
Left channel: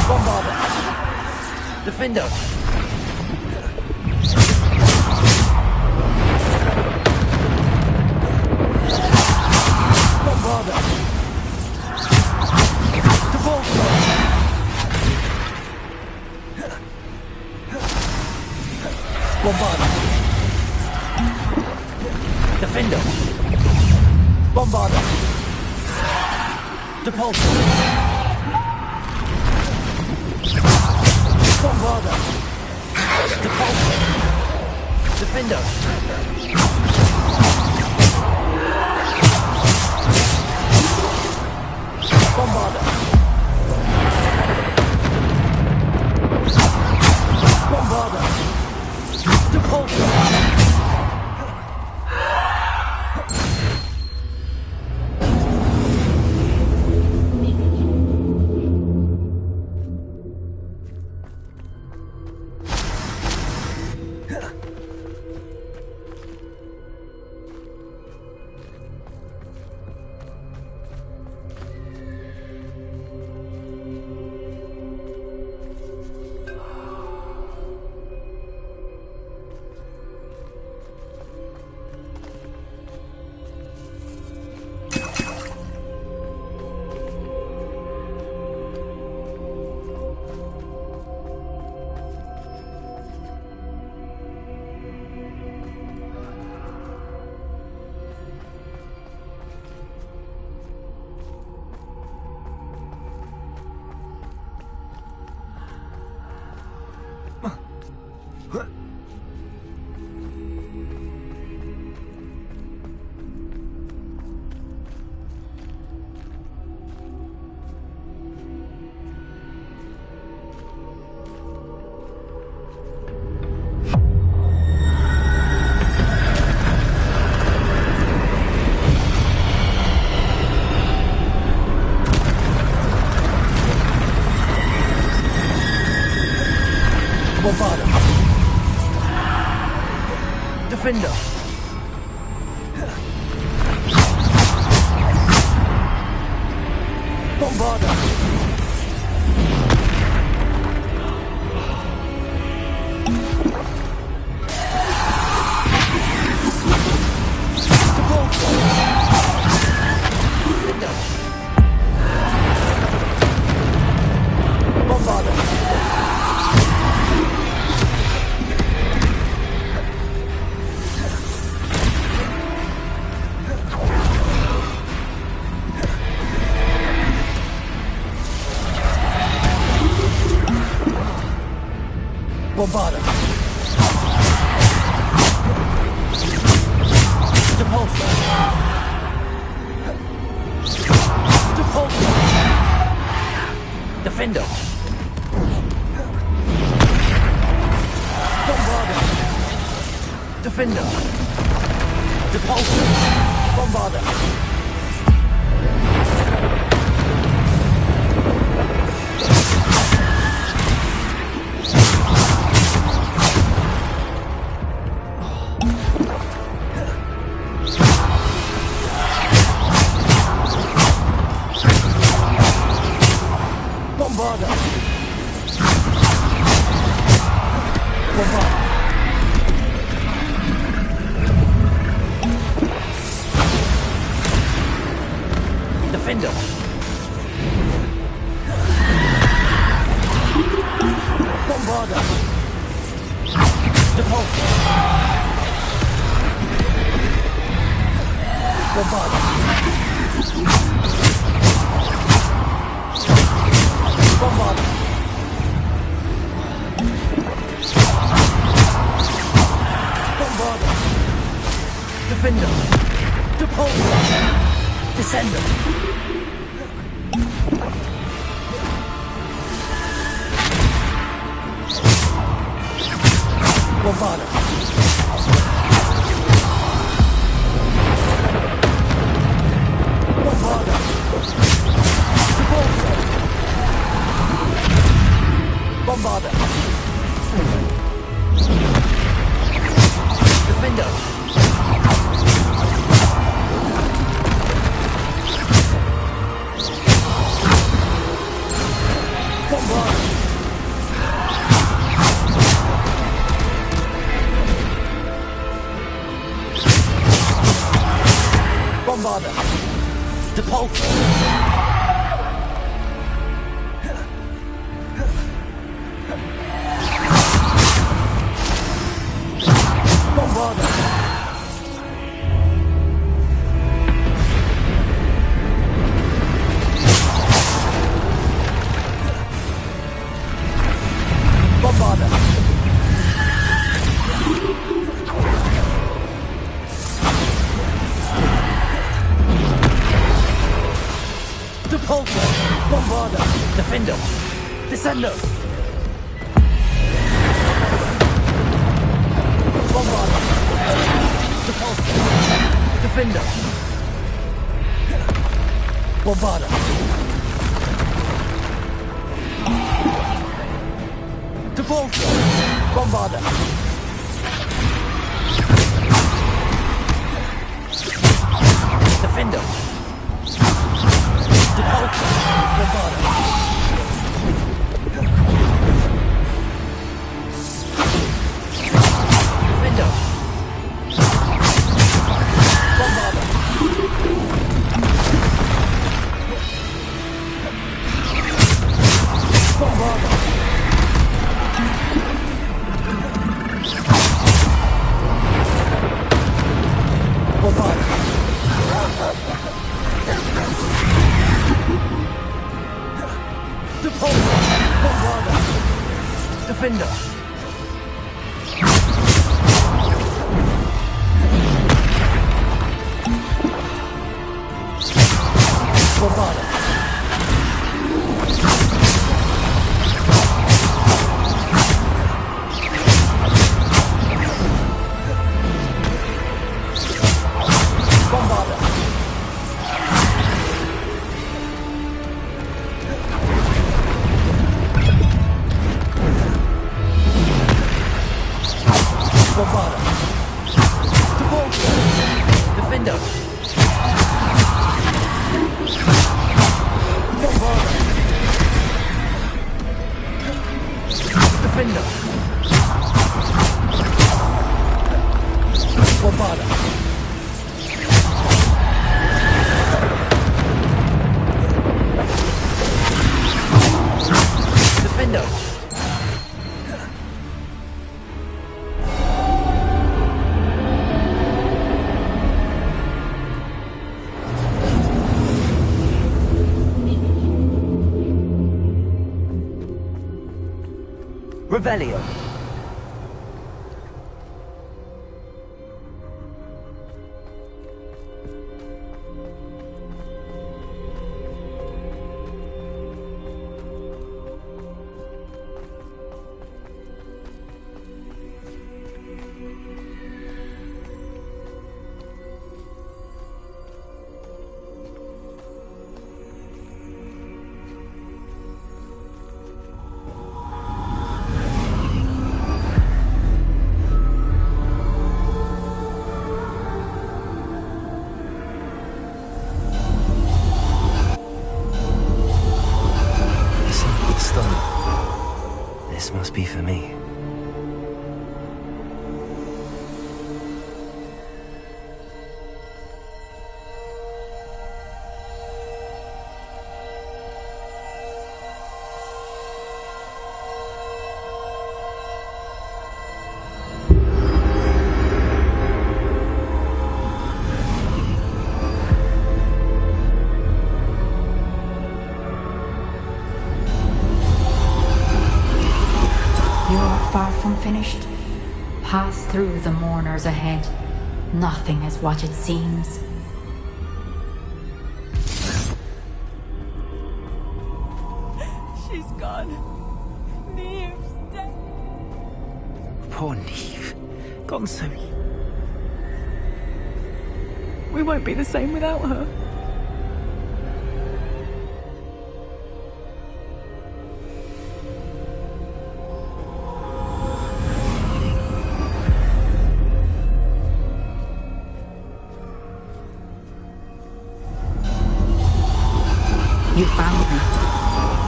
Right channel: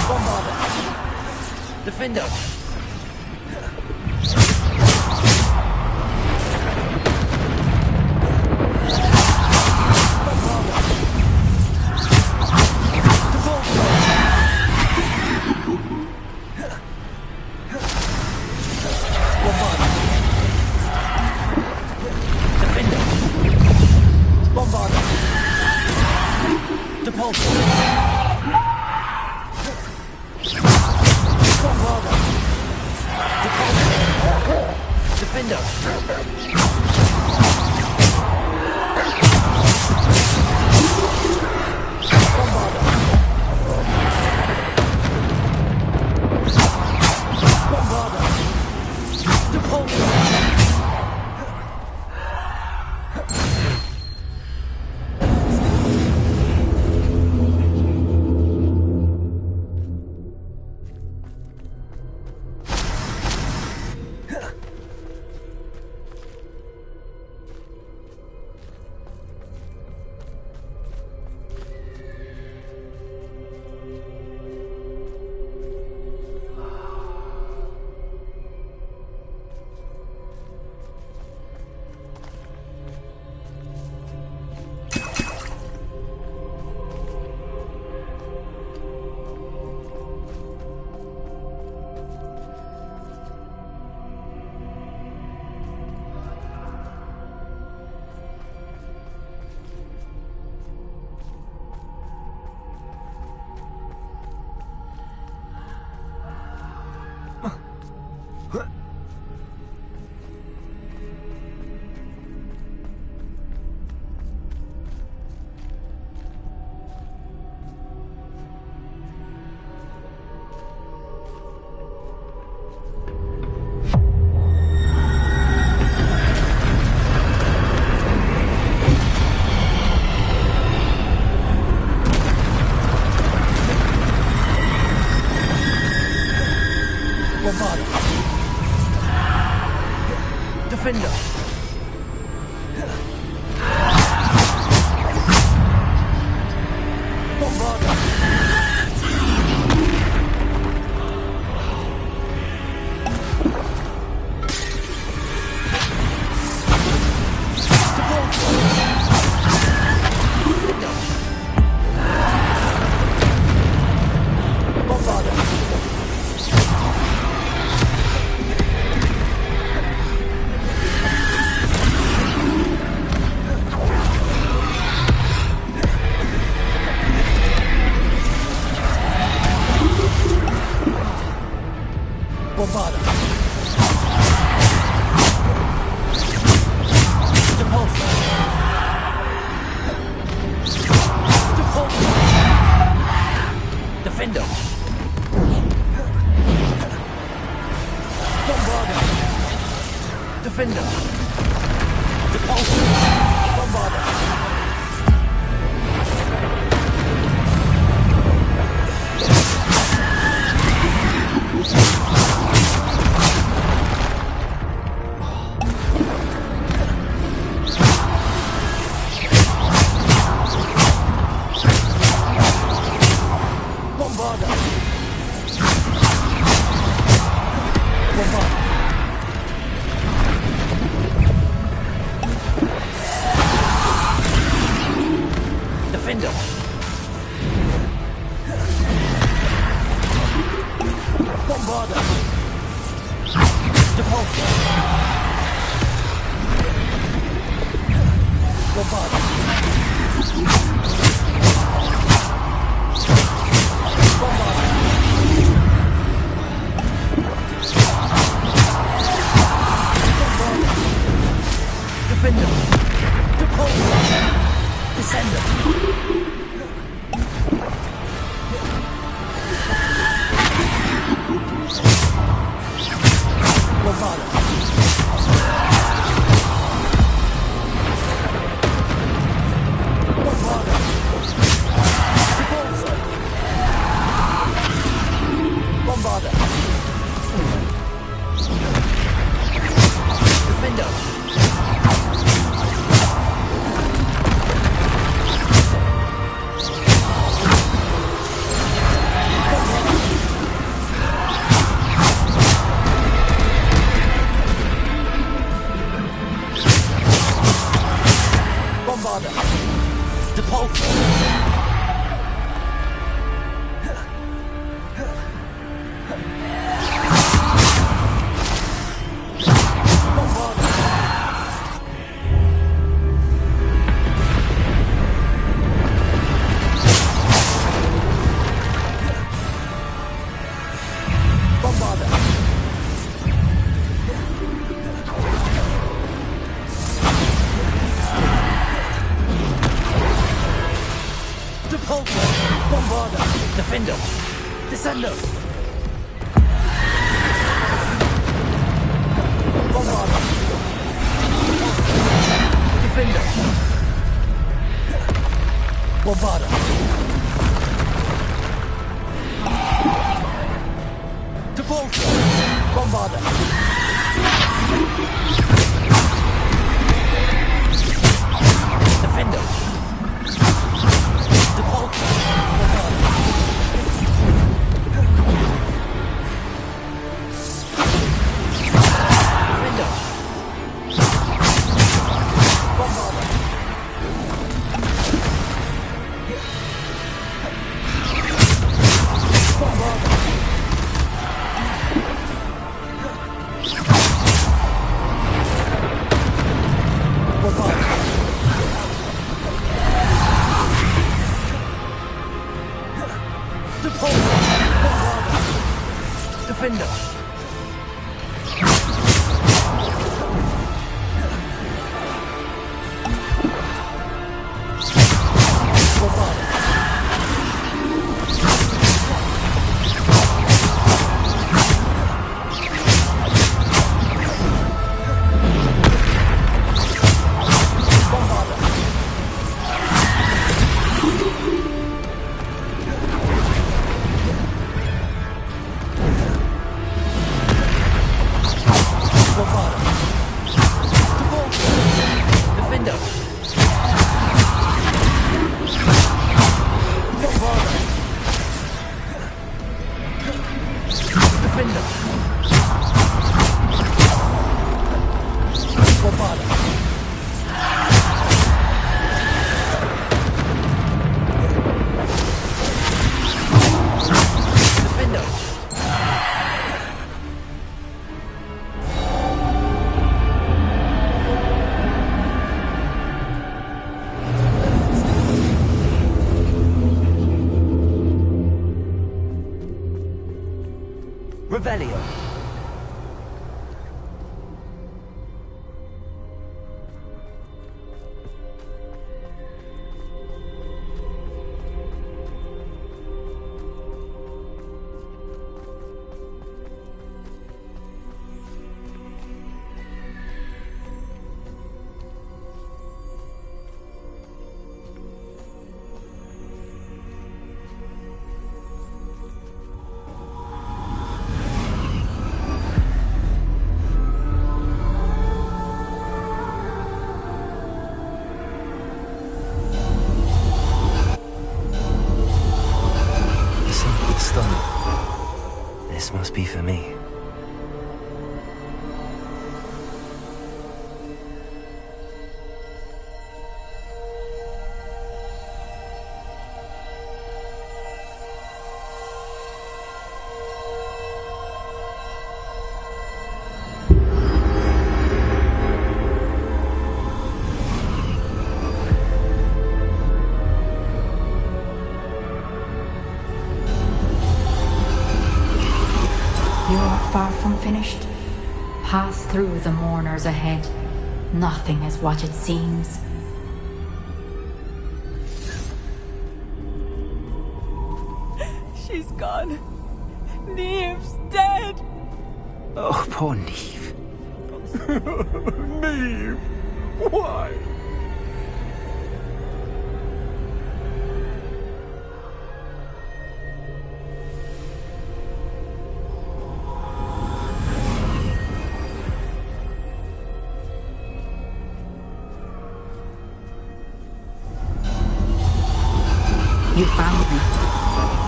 Bombarda! Defender! Bombarda! Bombarda! Defender! Bombarda! Depulso! Bombarda! Depulso! Defender! Bombarda! Bombarda! Depulso! Bombarda. Defender. Bombarda. Bombarda. Depulso. Depulso. Defendo. Bombarda. Defender. Depulso. Bombarda. Bombarda. Bombarda. Defender. Bombarda. Depulso. Bombarda. Bombarda. Bombarda. Defender. Depulso. Descender. Bombarda. Bombarda. Depulso. Bombarda. Defender. Bombarda. Bombarda. Depulso. Bombarda. Bombarda. Depulso. Bombarda. Defender. Descender. Bombarda. Depulso. Defender. Bombarda. Depulso. Bombarda. Defender. Depulso. Bombarda. Defender. Bombarda. Bombarda. Bombarda. Depulso. Bombarda. Defender. Bombarda. Bombarda. Defender! Bombarda! Defender! Revelio. This must be for me. Far from finished. Pass through the mourners ahead. Nothing is what it seems. She's gone. Neve's dead. Oh, poor Neve. Gone so. Neve! Why? We won't be the same without her. You found me,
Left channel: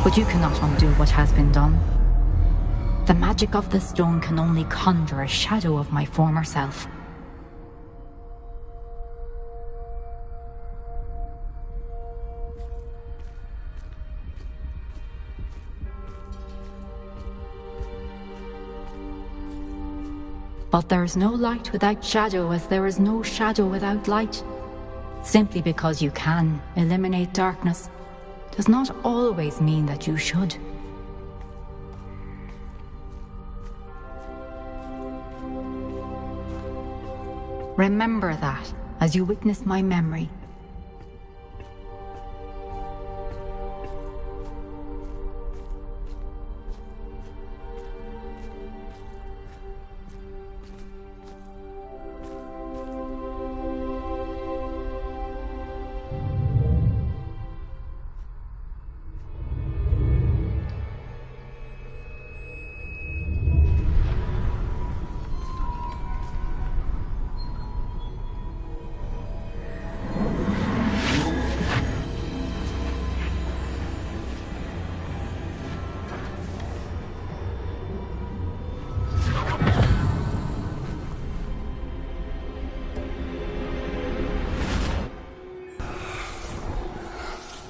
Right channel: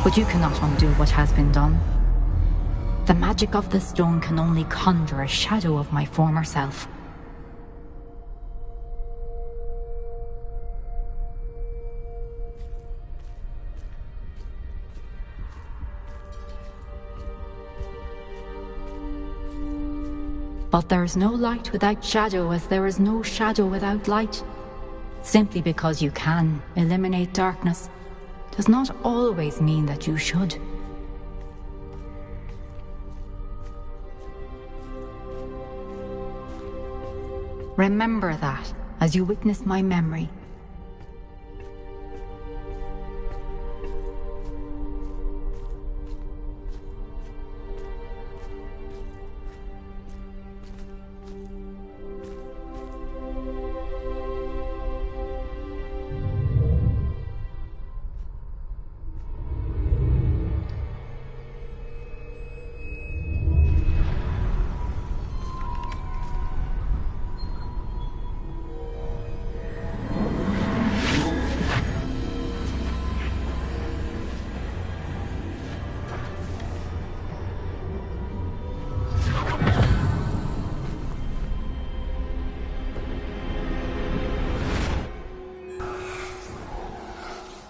but you cannot undo what has been done. The magic of the stone can only conjure a shadow of my former self. But there is no light without shadow, as there is no shadow without light. Simply because you can eliminate darkness does not always mean that you should. Remember that as you witness my memory.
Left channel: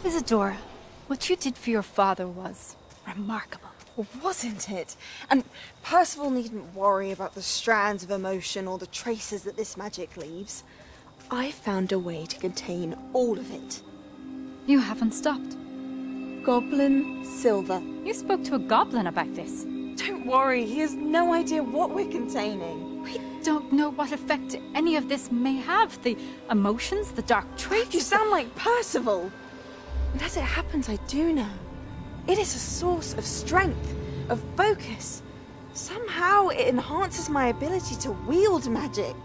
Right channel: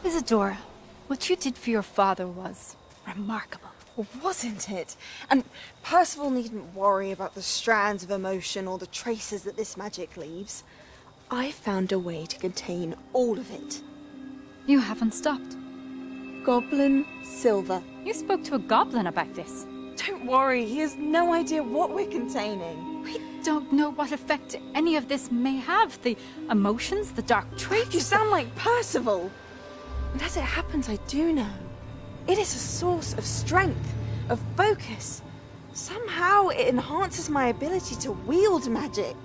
Isadora, what you did for your father was remarkable. Well, wasn't it? And Percival needn't worry about the strands of emotion or the traces that this magic leaves. I found a way to contain all of it. You haven't stopped. Goblin Silver. You spoke to a goblin about this. Don't worry, he has no idea what we're containing. We don't know what effect any of this may have. The emotions, the dark traits. You sound like Percival. And as it happens, I do know. It is a source of strength, of focus. Somehow it enhances my ability to wield magic.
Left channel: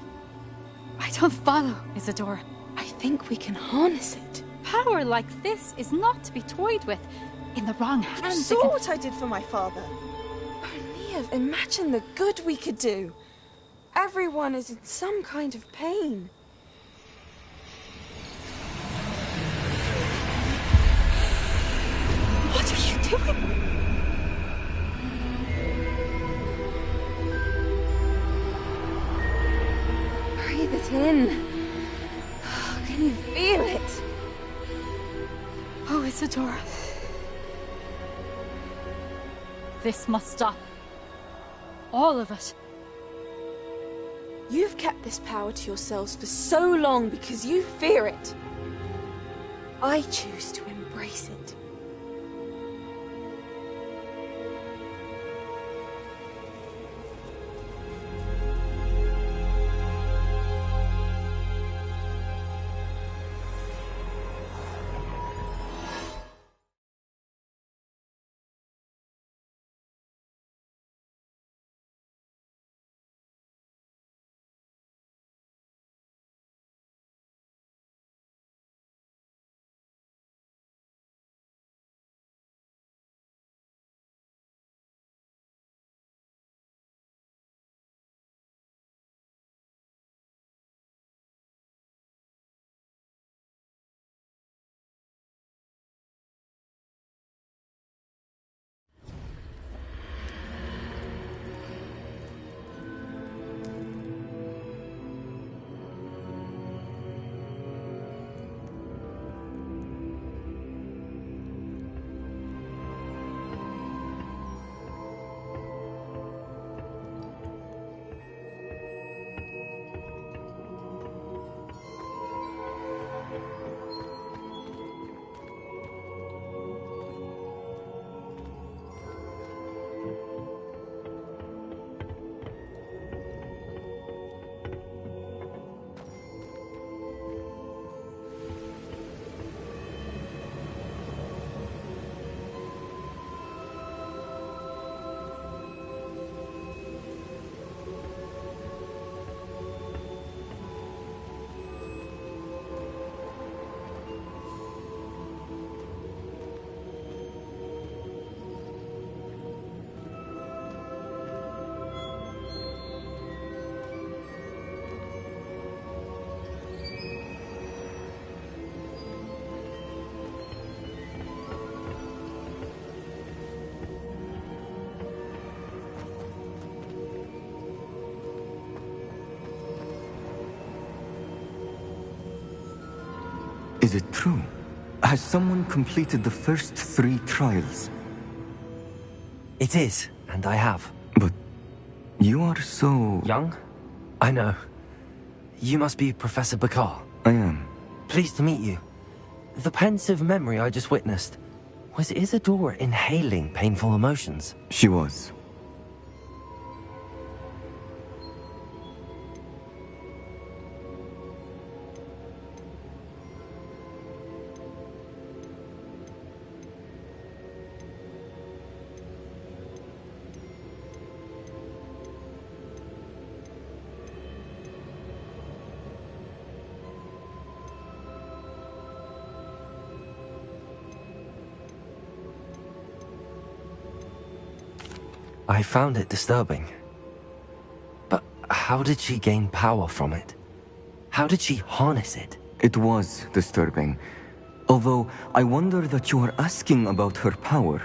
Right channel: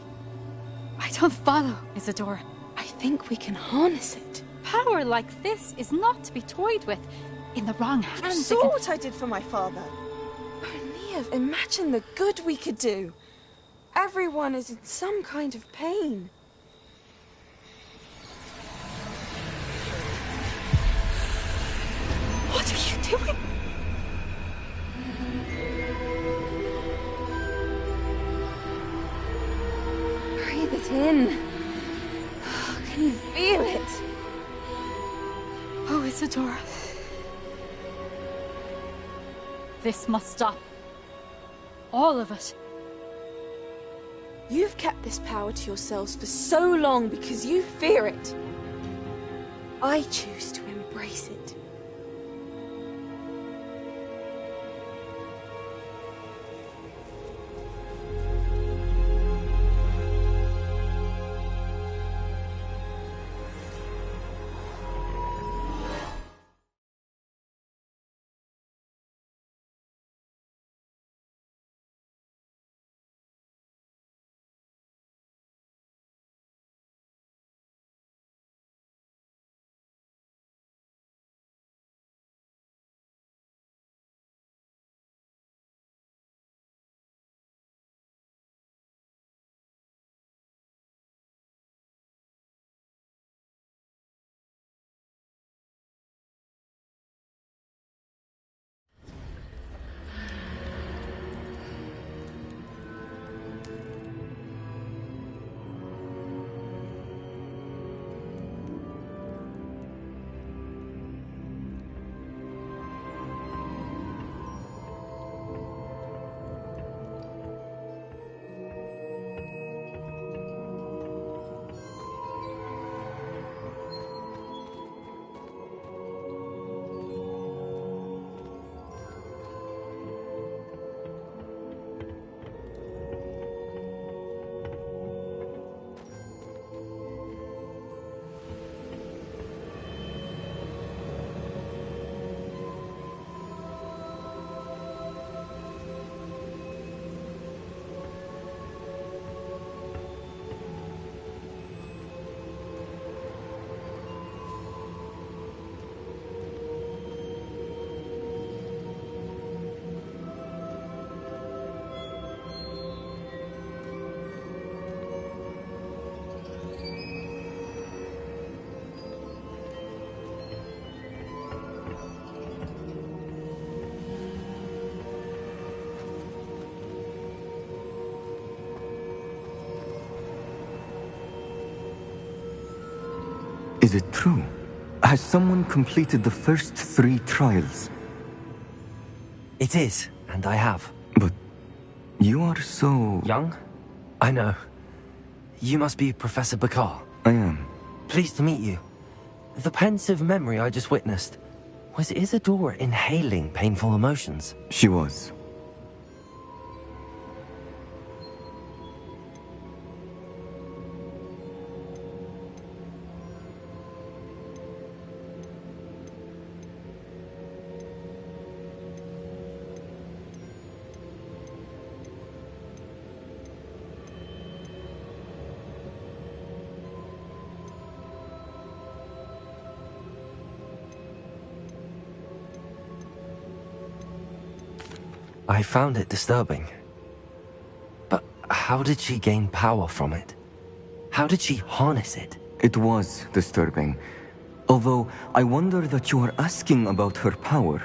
I don't follow, Isadora. I think we can harness it. Power like this is not to be toyed with. In the wrong hands, You saw what I did for my father. Oh, Neve, imagine the good we could do. Everyone is in some kind of pain. doing? Breathe it in. Can you feel it? Oh, Isadora. This must stop. All of it. You've kept this power to yourselves for so long because you fear it. I choose to embrace it. Is it true? Has someone completed the first 3 trials? It is, and I have. But you are so... young? I know. You must be Professor Bakar. I am. Pleased to meet you. The pensive memory I just witnessed, was Isadora inhaling painful emotions? She was. I found it disturbing. But how did she gain power from it? How did she harness it? It was disturbing. Although, I wonder that you are asking about her power.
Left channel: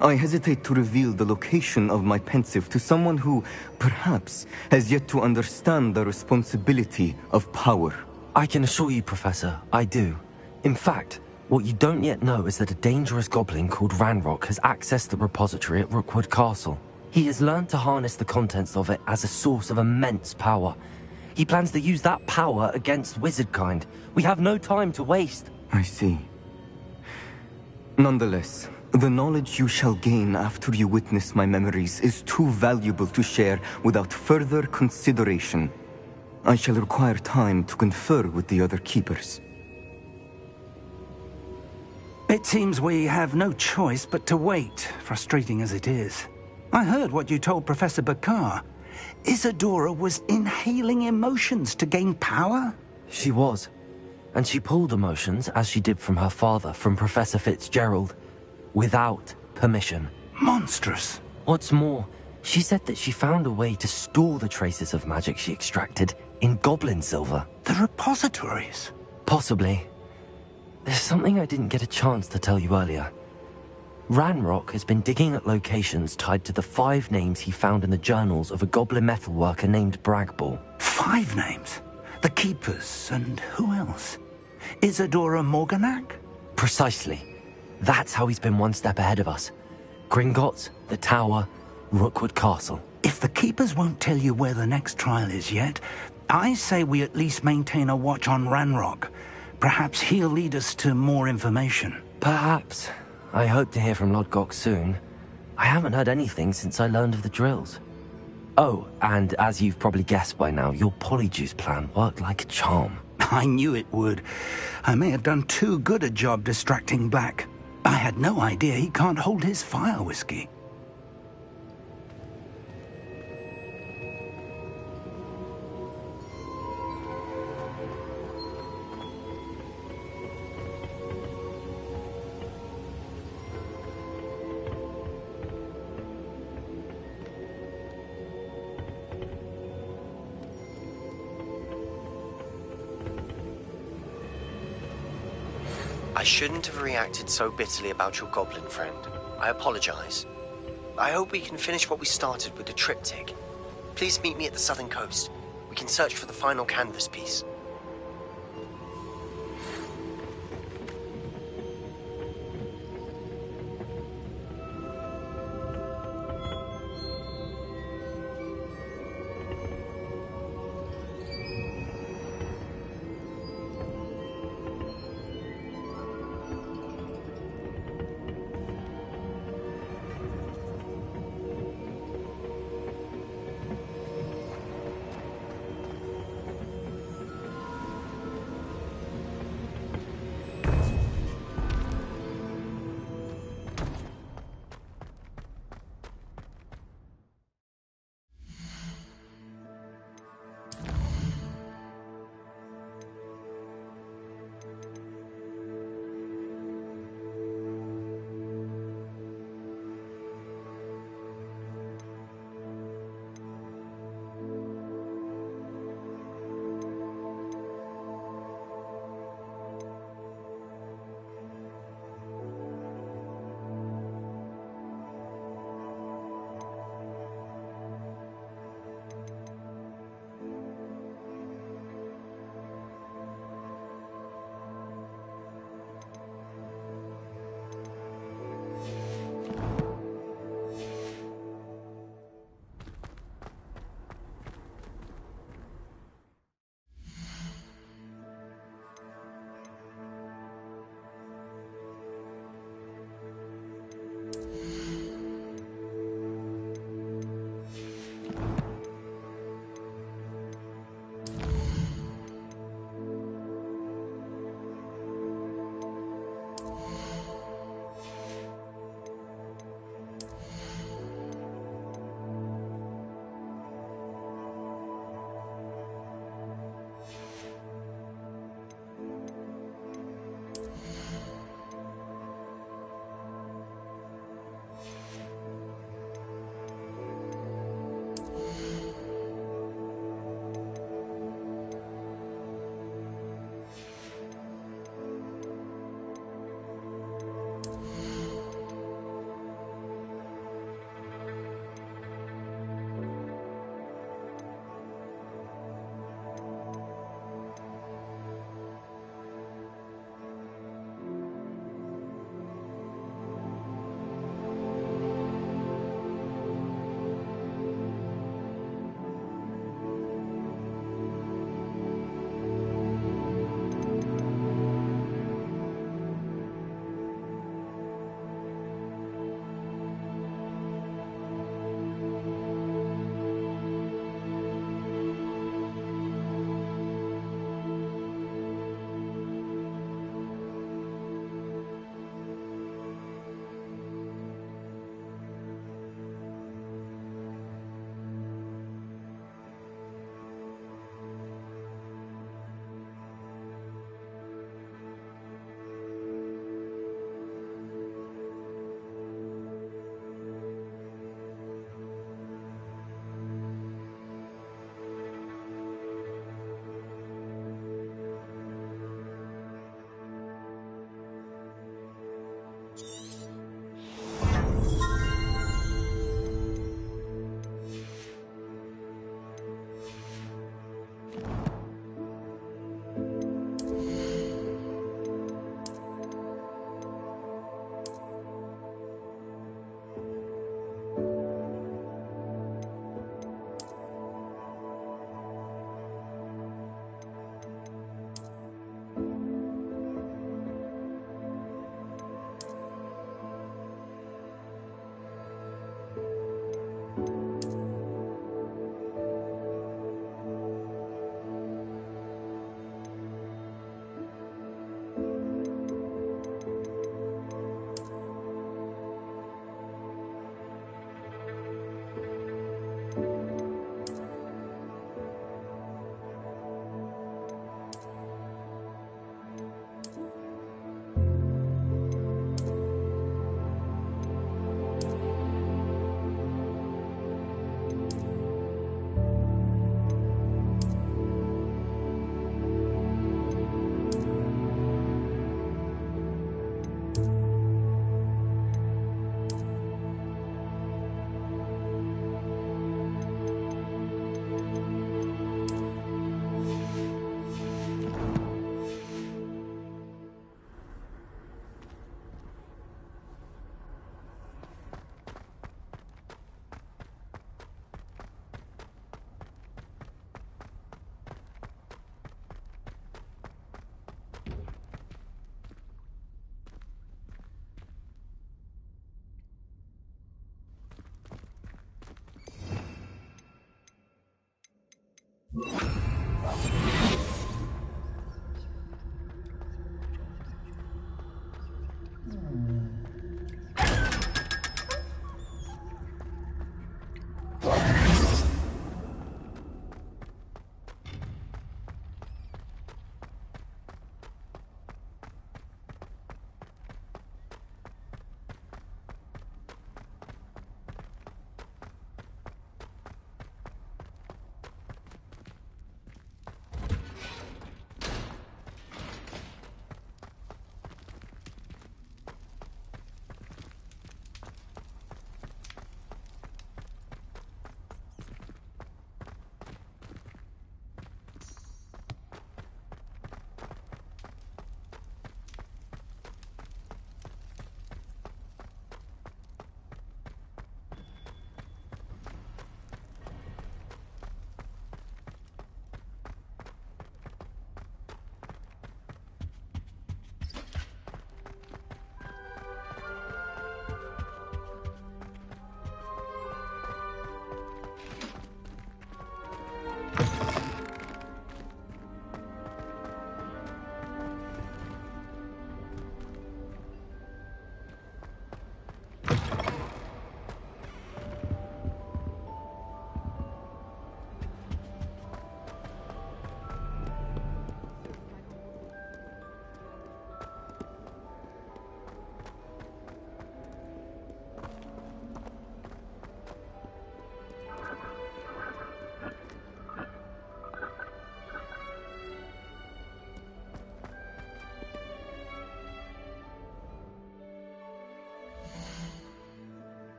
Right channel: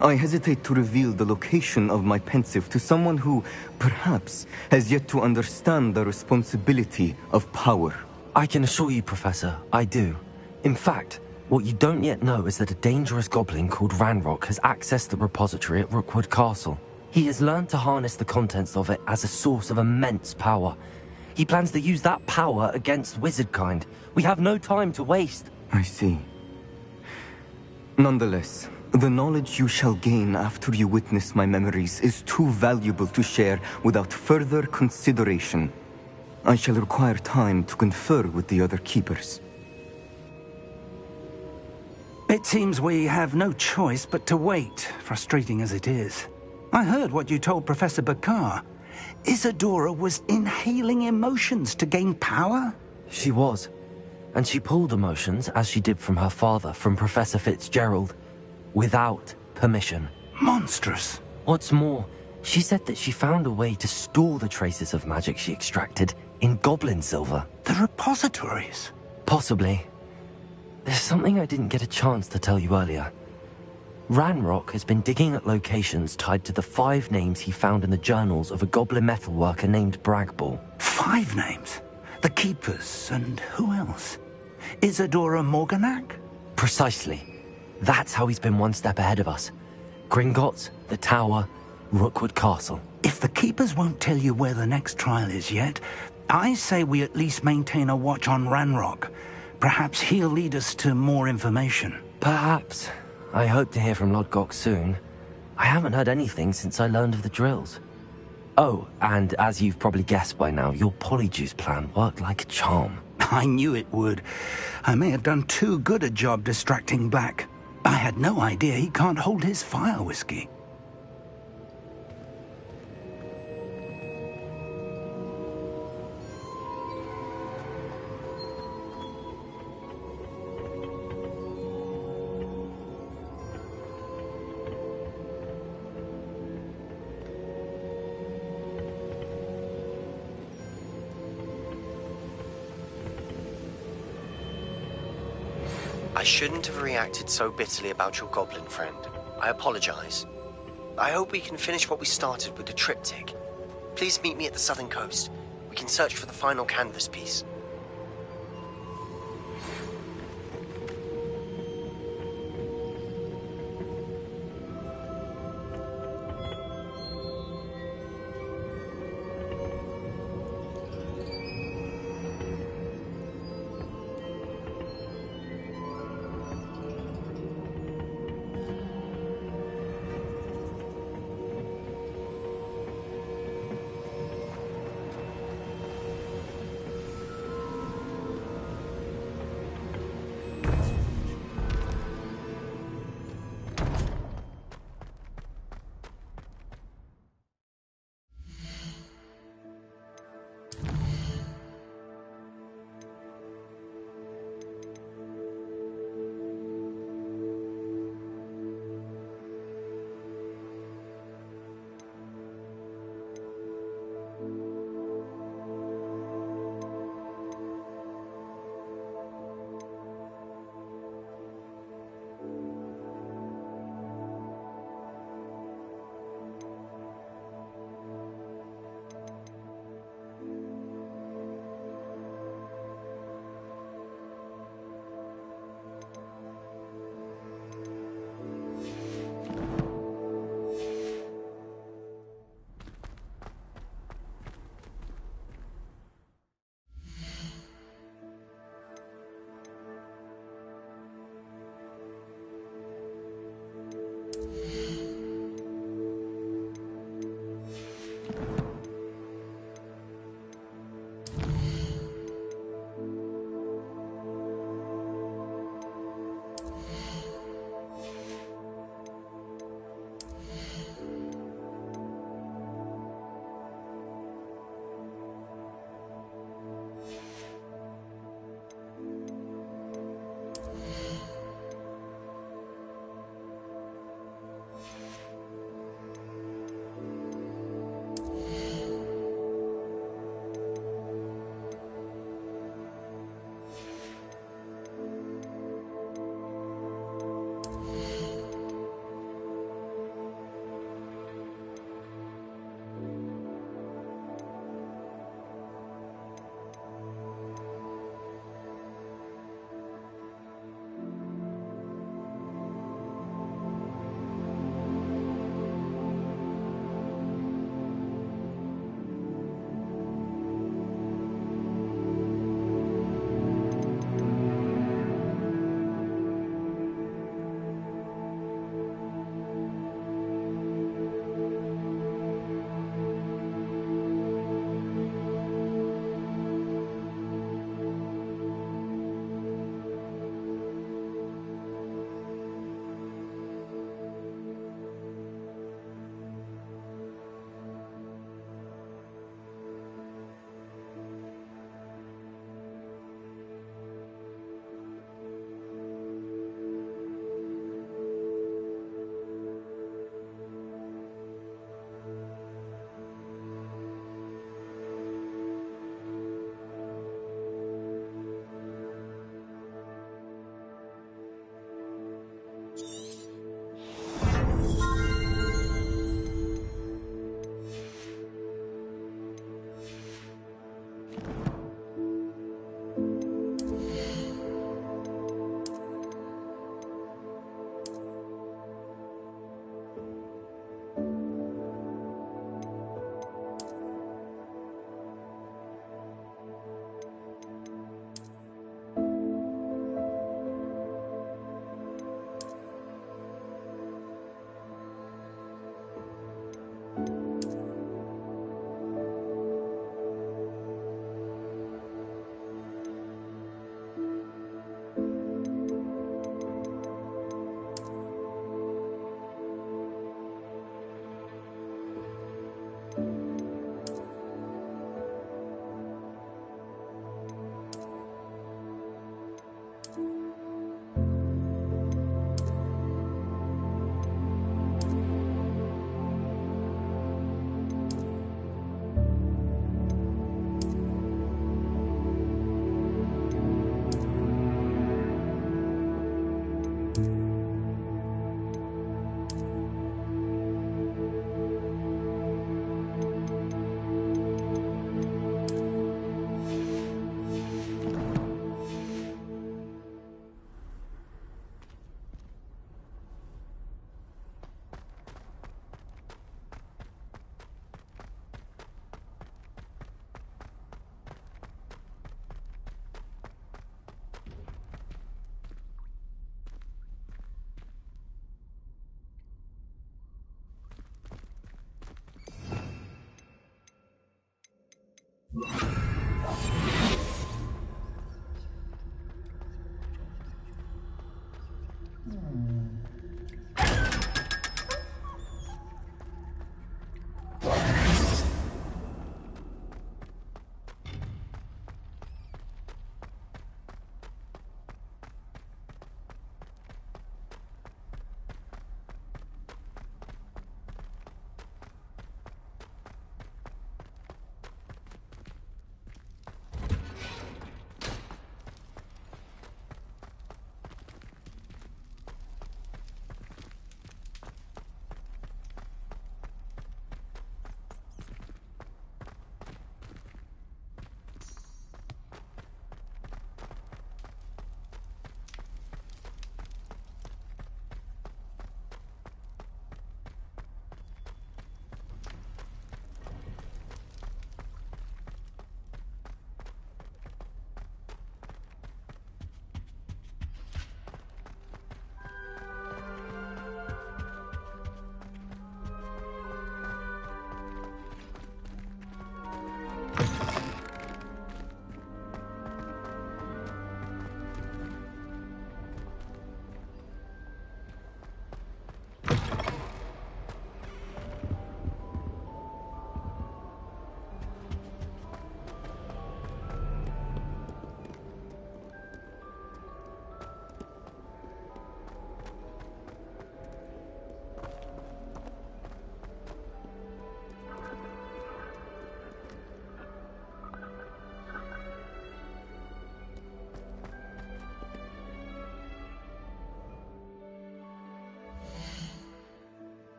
I hesitate to reveal the location of my pensive to someone who, perhaps, has yet to understand the responsibility of power. I can assure you, Professor, I do. In fact, what you don't yet know is that a dangerous goblin called Ranrock has accessed the repository at Rookwood Castle. He has learned to harness the contents of it as a source of immense power. He plans to use that power against wizardkind. We have no time to waste. I see. Nonetheless, the knowledge you shall gain after you witness my memories is too valuable to share without further consideration. I shall require time to confer with the other keepers. It seems we have no choice but to wait, frustrating as it is. I heard what you told Professor Bakar. Isadora was inhaling emotions to gain power? She was. And she pulled emotions, as she did from her father, from Professor Fitzgerald, without permission. Monstrous. What's more, she said that she found a way to store the traces of magic she extracted in goblin silver. The repositories? Possibly. There's something I didn't get a chance to tell you earlier. Ranrock has been digging at locations tied to the 5 names he found in the journals of a goblin metalworker named Bragball. 5 names? The Keepers, and who else? Isadora Morganac? Precisely. That's how he's been one step ahead of us. Gringotts, the Tower, Rookwood Castle. If the Keepers won't tell you where the next trial is yet, I say we at least maintain a watch on Ranrock. Perhaps he'll lead us to more information. Perhaps. I hope to hear from Lodgok soon. I haven't heard anything since I learned of the drills. Oh, and as you've probably guessed by now, your polyjuice plan worked like a charm. I knew it would. I may have done too good a job distracting Black. I had no idea he can't hold his fire whiskey. I shouldn't have reacted so bitterly about your goblin friend. I apologize. I hope we can finish what we started with the triptych. Please meet me at the southern coast. We can search for the final canvas piece.